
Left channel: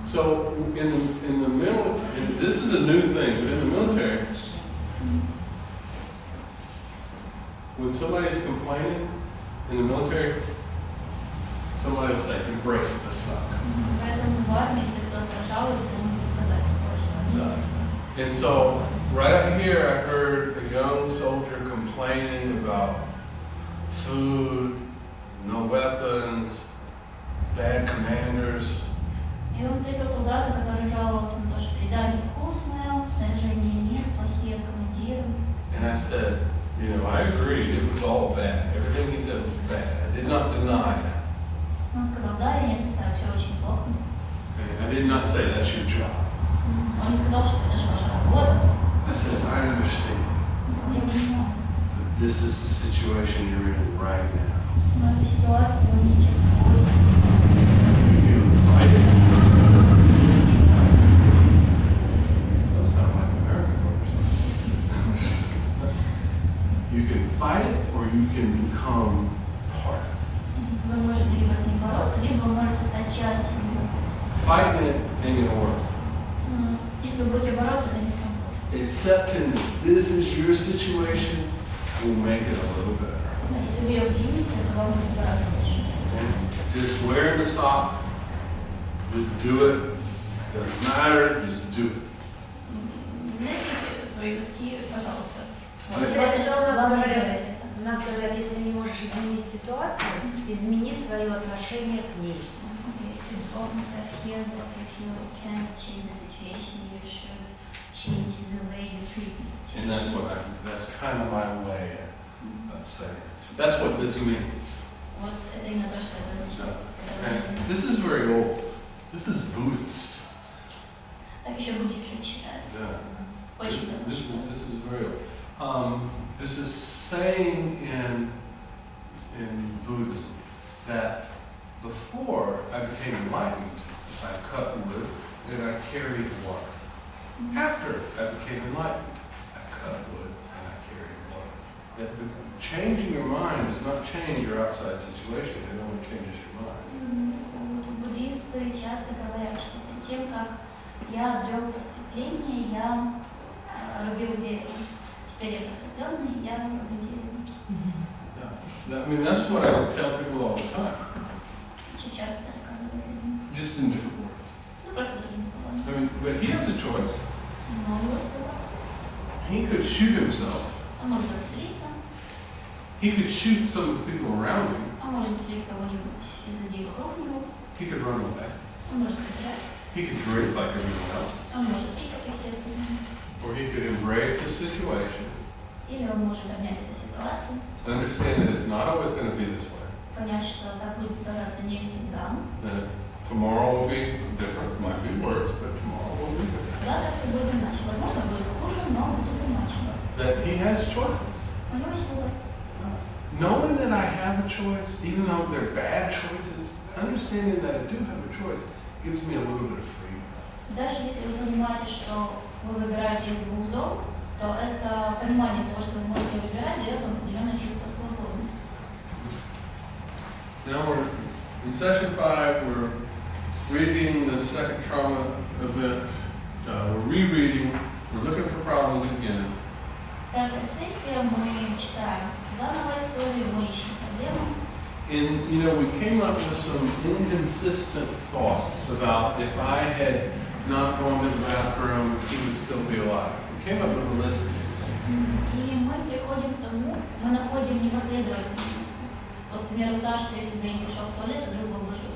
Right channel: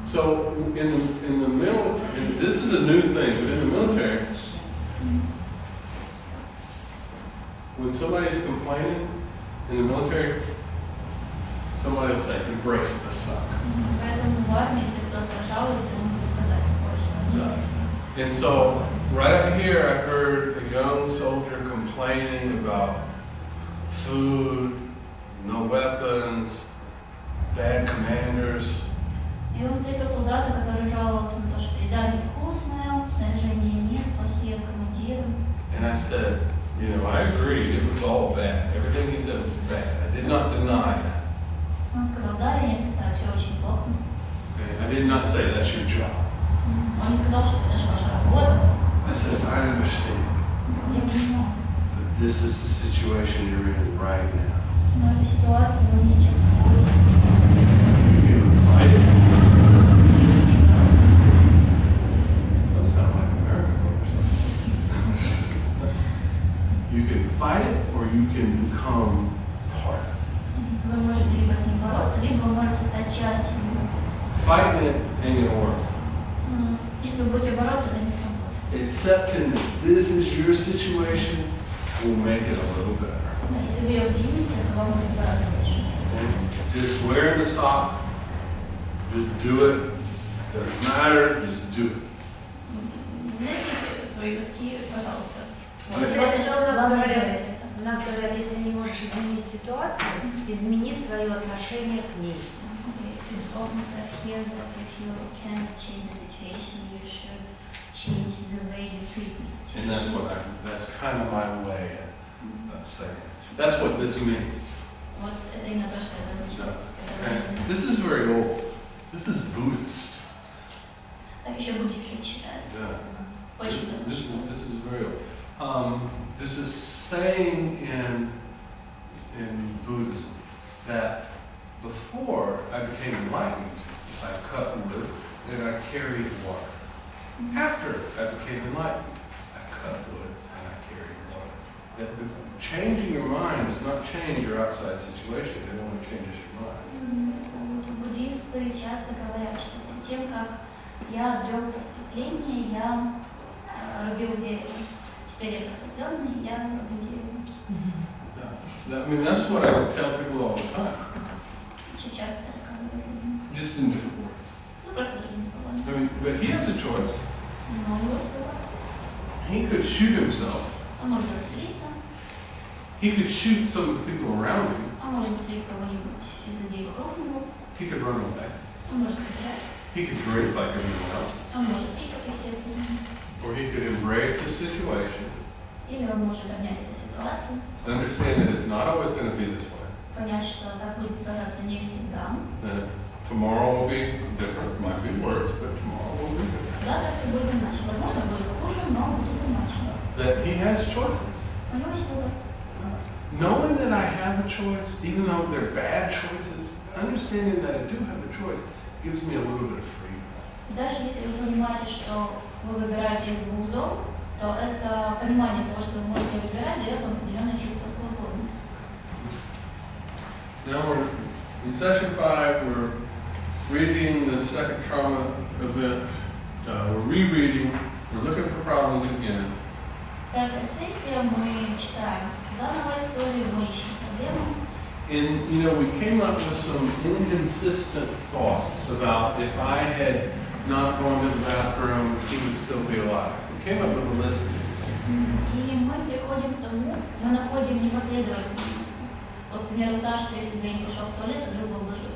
so in the military, this is a new thing, but in the military, when somebody's complaining in the military, somebody will say, embrace the suck. Поэтому в армии, если кто-то жалуется, ему будут сказать, что And so, right up here, I heard a young soldier complaining about food, no weapons, bad commanders. И он встретил солдата, который жаловался на то, что еда невкусная, снаряжения нет, плохие командиры. And I said, I agree, it was all bad. Everything he said was bad. I did not deny that. Он сказал, да, я не отрицаю, все очень плохо. Okay? I did not say that's your job. Он не сказал, что это же ваша работа. I said, I understand. Он сказал, я понимаю. But this is the situation you're in right now. Но эту ситуацию вы сейчас находитесь. You can fight it. И вы с ней бороться. Those sound like American conversations. You can fight it or you can become part of it. Вы можете либо с ним бороться, либо вы можете стать частью него. Fighting it ain't gonna work. Если вы будете бороться, это не сработает. Accepting that this is your situation will make it a little better. Если вы ее примете, то вам будет гораздо лучше. Okay? Just wear the sock. Just do it. Doesn't matter. Just do it. Носите свои носки, пожалуйста. У нас говорят, если не можешь изменить ситуацию, измени свое отношение к ней. It's often said here that if you can't change the situation, you should change the way you treat the situation. And that's kind of my way of saying it. That's what this means. Вот это именно то, что это означает. And this is very old. This is Buddhist. Так еще буддисты считают. Yeah. Очень давно This считают. is very old. This is saying in Buddhism that before I became enlightened, I cut wood and I carried water. After I became enlightened, I cut wood and I carried water. That changing your mind does not change your outside situation, it only changes your mind. Буддисты часто говорят, что перед тем, как я обрел просветление, я рубил дерево. Теперь я просветленный, я рублю дерево. I mean, that's what I tell people all the time, Очень часто это рассказывают людям. just in different words. Ну, просто другими словами. I mean, but he has a choice. Но его выбор. He could shoot himself. Он может застрелиться, He could shoot some of the people around him. он может застрелить кого-нибудь из людей вокруг него, He could run away. он может убежать, He could drink like everyone else. он может пить, как и все остальные. Or he could embrace the situation, Или он может обнять эту ситуацию, understand that it's not always going to be this way. понять, что так будет продолжаться не всегда. That tomorrow will be different, might be worse, but tomorrow will be different. Завтра все будет иначе. Возможно, будет хуже, но будет иначе. That he has choices. У него есть выбор. Knowing that I have a choice, even though they're bad choices, understanding that I do have a choice gives me a little bit of freedom. Даже если вы понимаете, что вы выбираете из двух зол, то это понимание того, что вы можете выбирать, дает вам определенное чувство свободы. Now we're in session 5, we're reading the second trauma event, we're rereading, we're looking for problems again. Пятая сессия, мы читаем заново историю, мы ищем проблему. And, you know, we came up with some inconsistent thoughts about if I had not gone to the bathroom, he would still be alive. We came up with a list of these. И мы приходим к тому, мы находим непоследовательность. Вот, к примеру, та, что если бы я не пошел в туалет, то друг был бы жив.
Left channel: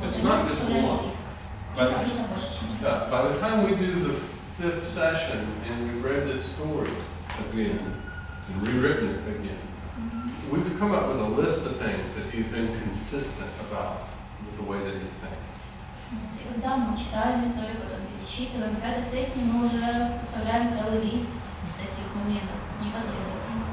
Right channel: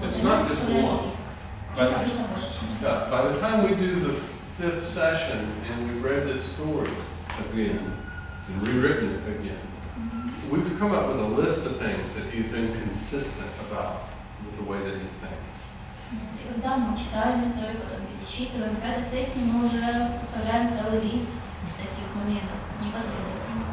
Вот, It's и мы not just составляем one. список. But- Их обычно больше, чем один. By the time we do the 5th session and we've read this story again and rewritten it again, we've come up with a list of things that he's inconsistent about with the way that he thinks. И когда мы читаем историю, потом перечитываем, в этой сессии мы уже составляем целый лист таких моментов непоследовательных.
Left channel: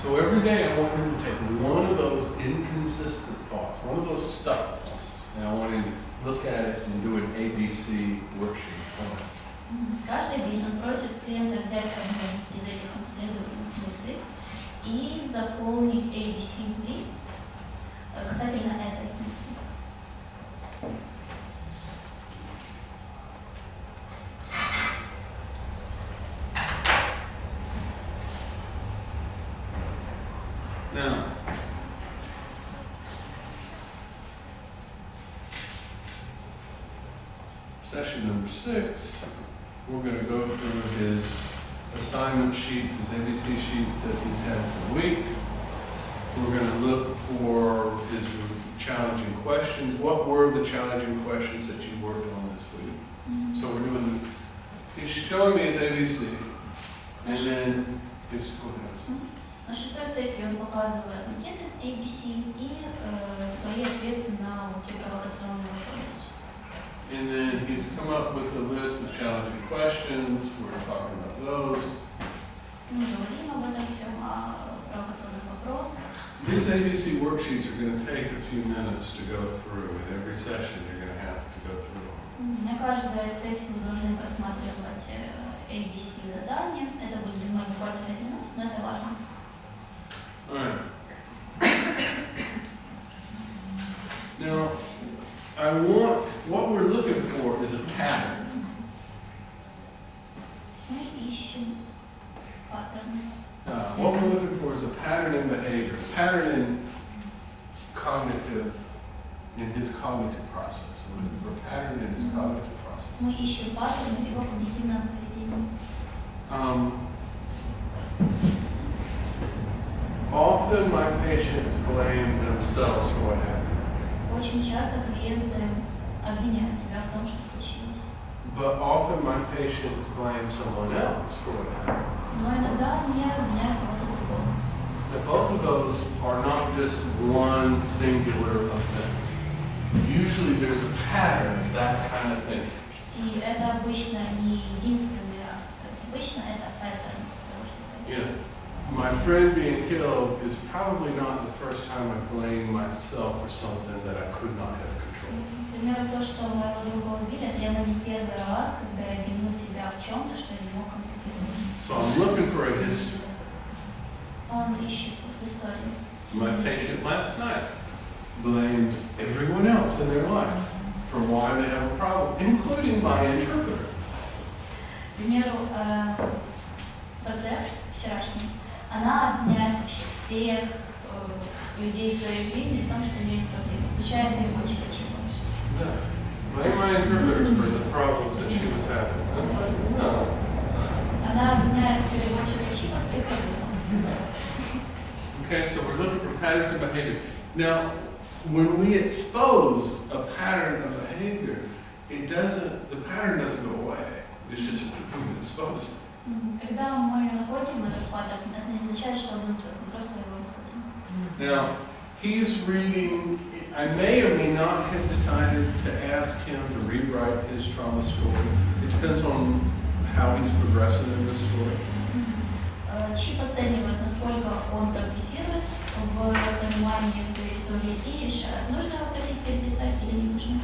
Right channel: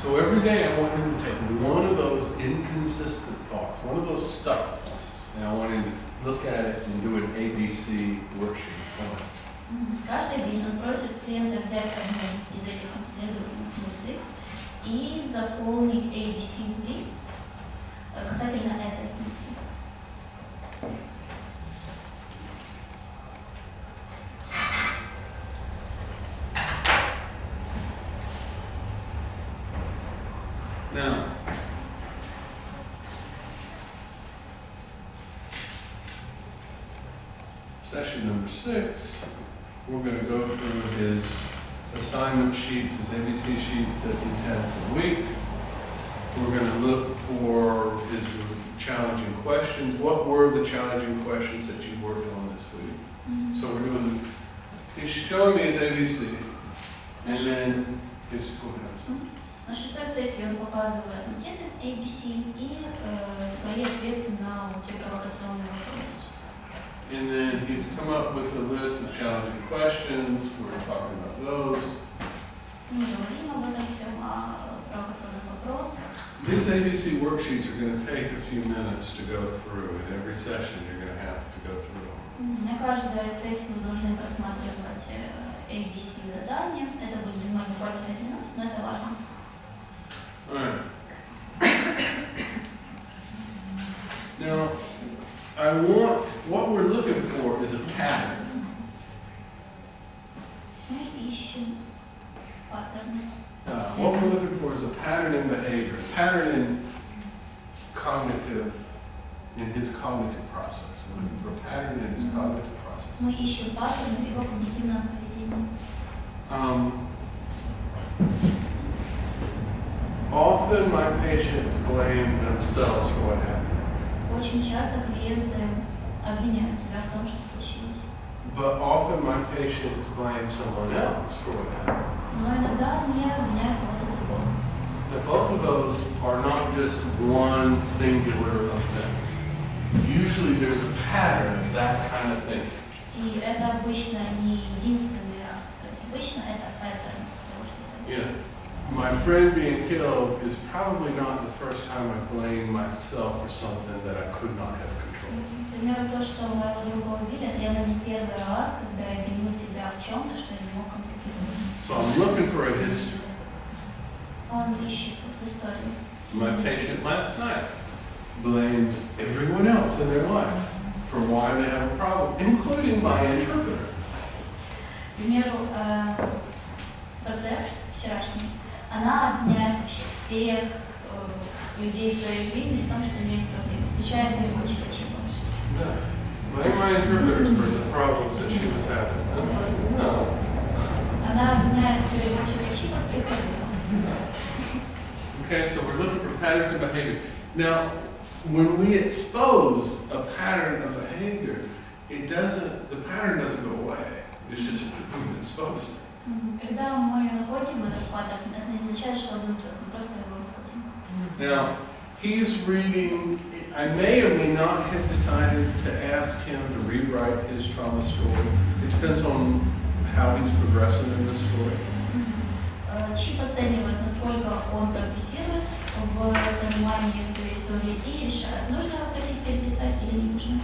So every day I want him to take one of those inconsistent thoughts, one of those stuck thoughts, and I want him to look at it and do an ABC worksheet on it. Каждый день он просит клиента взять одну из этих последовательных мыслей и заполнить ABC-лист касательно этой мысли. Now, session number 6, we're going to go through his assignment sheets, his ABC sheets that he's had for the week. We're going to look for his challenging questions. What were the challenging questions that you worked on this week? So we're doing, he's showing me his ABC, and then, just go ahead. На шестой сессии он показывает анкеты ABC и свои ответы на те провокационные вопросы. And then he's come up with a list of challenging questions. We're talking about those. Мы говорим об этом всем, о провокационных вопросах. These ABC worksheets are going to take a few minutes to go through, and every session you're going to have to go through them. На каждой сессии вы должны просматривать ABC задания. Это будет занимать буквально 5 минут, но это важно. All right. Now, what we're looking for is a pattern. Мы ищем паттерны. What we're looking for is a pattern in behavior, a pattern in his cognitive process. We're looking for a pattern in his cognitive process. Мы ищем паттерны в его когнитивном поведении. Often my patients blame themselves for what happened. Очень часто клиенты обвиняют себя в том, что случилось. But often my patients blame someone else for what happened. Но иногда они обвиняют кого-то другого. Now, both of those are not just one singular event. Usually there's a pattern of that kind of thing. И это обычно не единственный раз. То есть обычно это паттерн того, что происходит. My friend being killed is probably not the first time I blamed myself for something that I could not have controlled. К примеру, то, что моего друга убили, это явно не первый раз, когда я винил себя в чем-то, что я не мог контролировать. So I'm looking for a history. Он ищет вот в истории. My patient last night blames everyone else in their life for why they have a problem, including my interpreter. К примеру, пациент вчерашний, она обвиняет вообще всех людей в своей жизни в том, что у нее есть проблемы, включая переводчика Чипа. Yeah. Blame my interpreter for the problems that she was having. I'm like, no. Она обвиняет переводчика Чипа в своих проблемах. Okay, so we're looking for patterns of behavior. Now, when we expose a pattern of behavior, the pattern doesn't go away. It's just we've exposed it. Когда мы находим этот паттерн, это не означает, что он уйдет, мы просто его находим. Now, he's reading, I may or may not have decided to ask him to rewrite his trauma story. It depends on how he's progressing in this story. Чип оценивает, насколько он прогрессирует в понимании своей истории и решает, нужно его просить переписать или не нужно.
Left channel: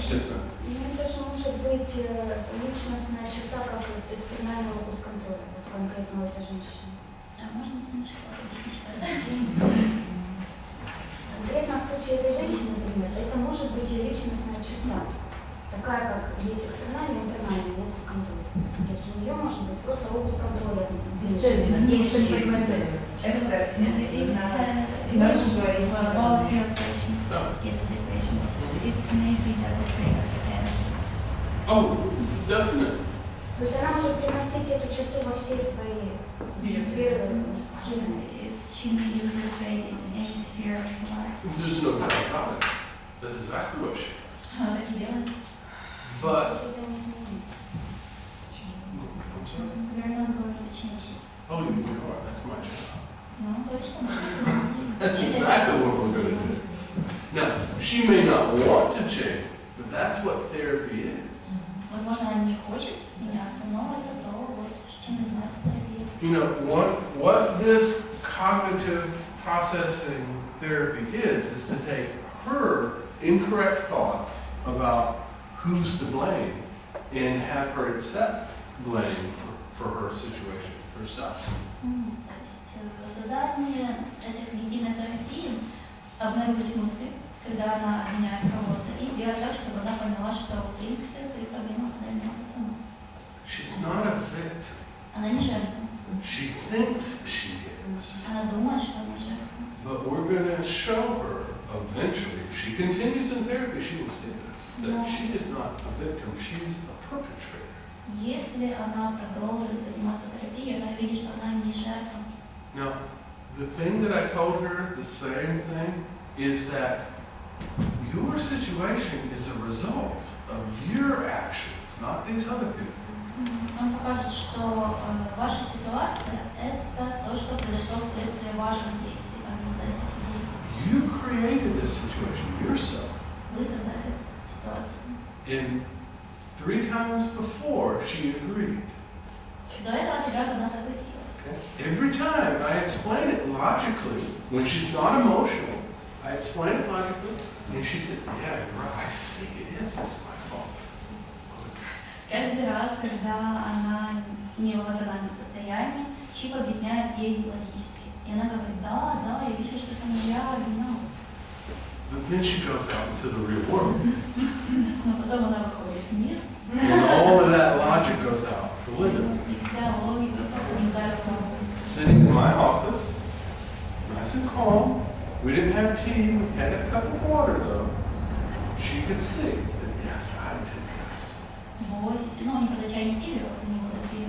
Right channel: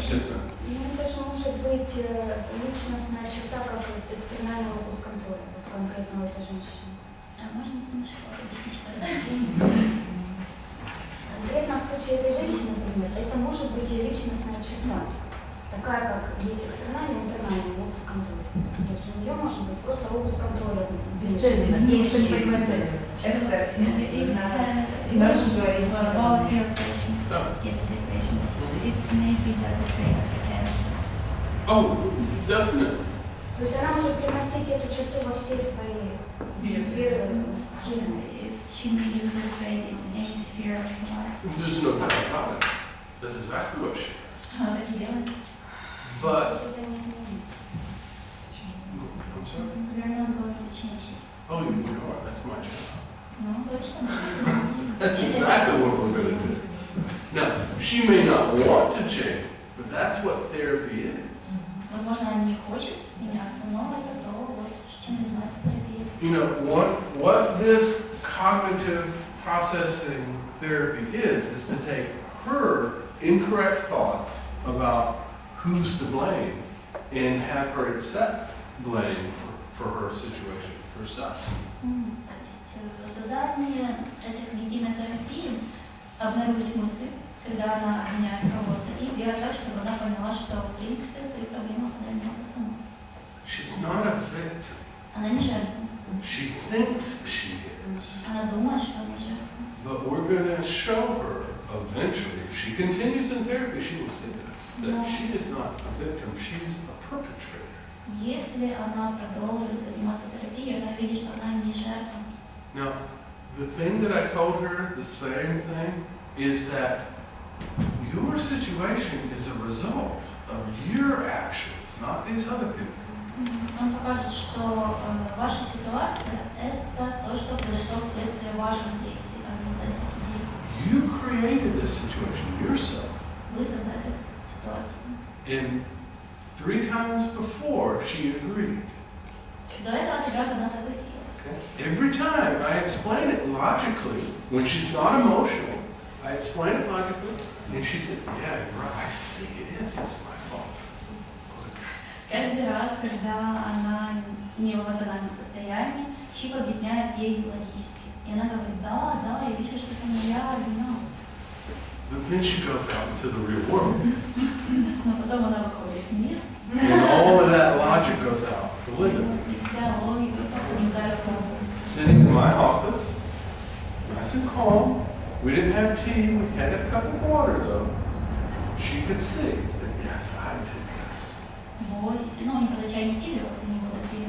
Yes, ma'am. Мне кажется, может быть личностная черта, как экстернальный локус контроля, вот конкретно у этой женщины. А можно немножко объяснить, что это? Конкретно в случае этой женщины, например, это может быть ее личностная черта, такая как есть экстернальный и интернальный локус контроля. То есть у нее может быть просто локус контроля. Без термина, никто не понимает термин. It's about your patients, yesterday patients. It's maybe just a state of character. Oh, definitely. То есть она может приносить эту черту во все свои сферы жизни. She may use this trait in any sphere of her life. There's no doubt about it. That's exactly what she does. Она так и делает. То But, есть это не изменится. I'm sorry? We're not going to change it. Oh, you are. That's my job. Ну, точно. That's exactly what we're going to do. Now, she may not want to change, but that's what therapy is. Возможно, она не хочет меняться, но это то, вот, чем занимается терапия. You know, what this cognitive processing therapy is to take her incorrect thoughts about who's to blame and have her accept blame for her situation herself. То есть задание этой когнитивной терапии обнаружить мысли, когда она обвиняет кого-то, и сделать так, чтобы она поняла, что в принципе свои проблемы она виновата сама. She's not a victim. Она не жертва. She thinks she is. Она думает, что она жертва. But we're going to show her eventually, if she continues in therapy, she will see this, that she is not a victim, she's a perpetrator. Если она продолжит заниматься терапией, она видит, что она не жертва. Now, the thing that I told her, the same thing, is that your situation is a result of your actions, not these other people. Он покажет, что ваша ситуация – это то, что произошло вследствие ваших действий, а не из-за этих людей. You created this situation yourself. Вы создали эту ситуацию. And 3 times before, she agreed. До этого 3 раза она согласилась. Every time I explain it logically, when she's not emotional, I explain it logically, and she said, yeah, you're right, I see it is, it's my fault. Каждый раз, когда она не в эмоциональном состоянии, Чип объясняет ей логически. И она говорит, да, я вижу, что это моя вина. But then she goes out into the real world. Но потом она выходит в мир, And all of that logic goes out the window. и вся логика просто не дает слова. Sitting in my office, nice and calm. We didn't have tea, we had a cup of water though. She could see that, yes, I did this. В офисе, ну, они когда чай не пили, вот они вот пили.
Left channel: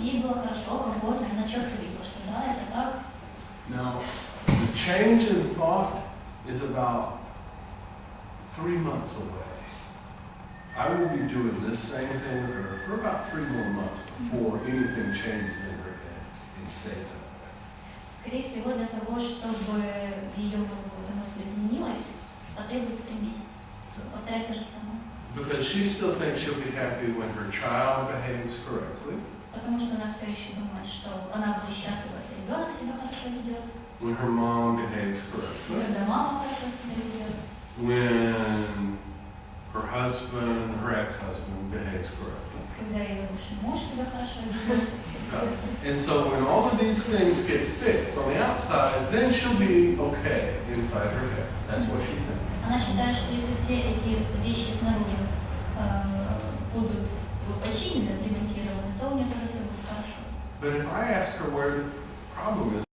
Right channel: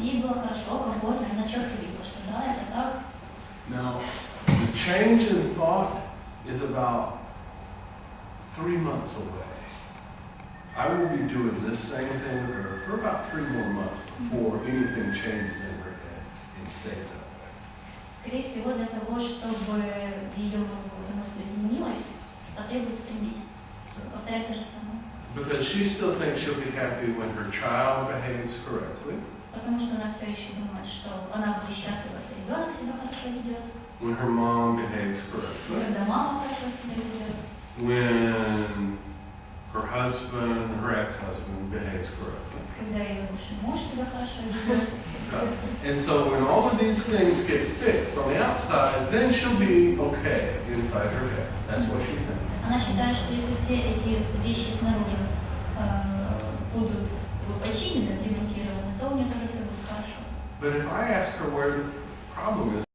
Ей было хорошо, комфортно, она четко видела, что да, это так. Now, the change in thought is about 3 months away. I will be doing this same thing with her for about 3 more months before anything changes in her head and stays that way. Скорее всего, для того, чтобы ее мозгу эта мысль изменилась, потребуется 3 месяца. Повторять то же самое. Because she still thinks she'll be happy when her child behaves correctly, Потому что она все еще думает, что она будет счастлива, если ребенок себя хорошо ведет, when her mom behaves correctly, когда мама хорошо себя ведет, when her husband, her ex-husband, behaves correctly. Когда ее бывший муж себя хорошо ведет. And so when all of these things get fixed on the outside, then she'll be okay inside her head. That's what she thinks. Она считает, что если все эти вещи снаружи будут починены, отремонтированы, то у нее тоже все будет хорошо. But if I ask her where the problem is,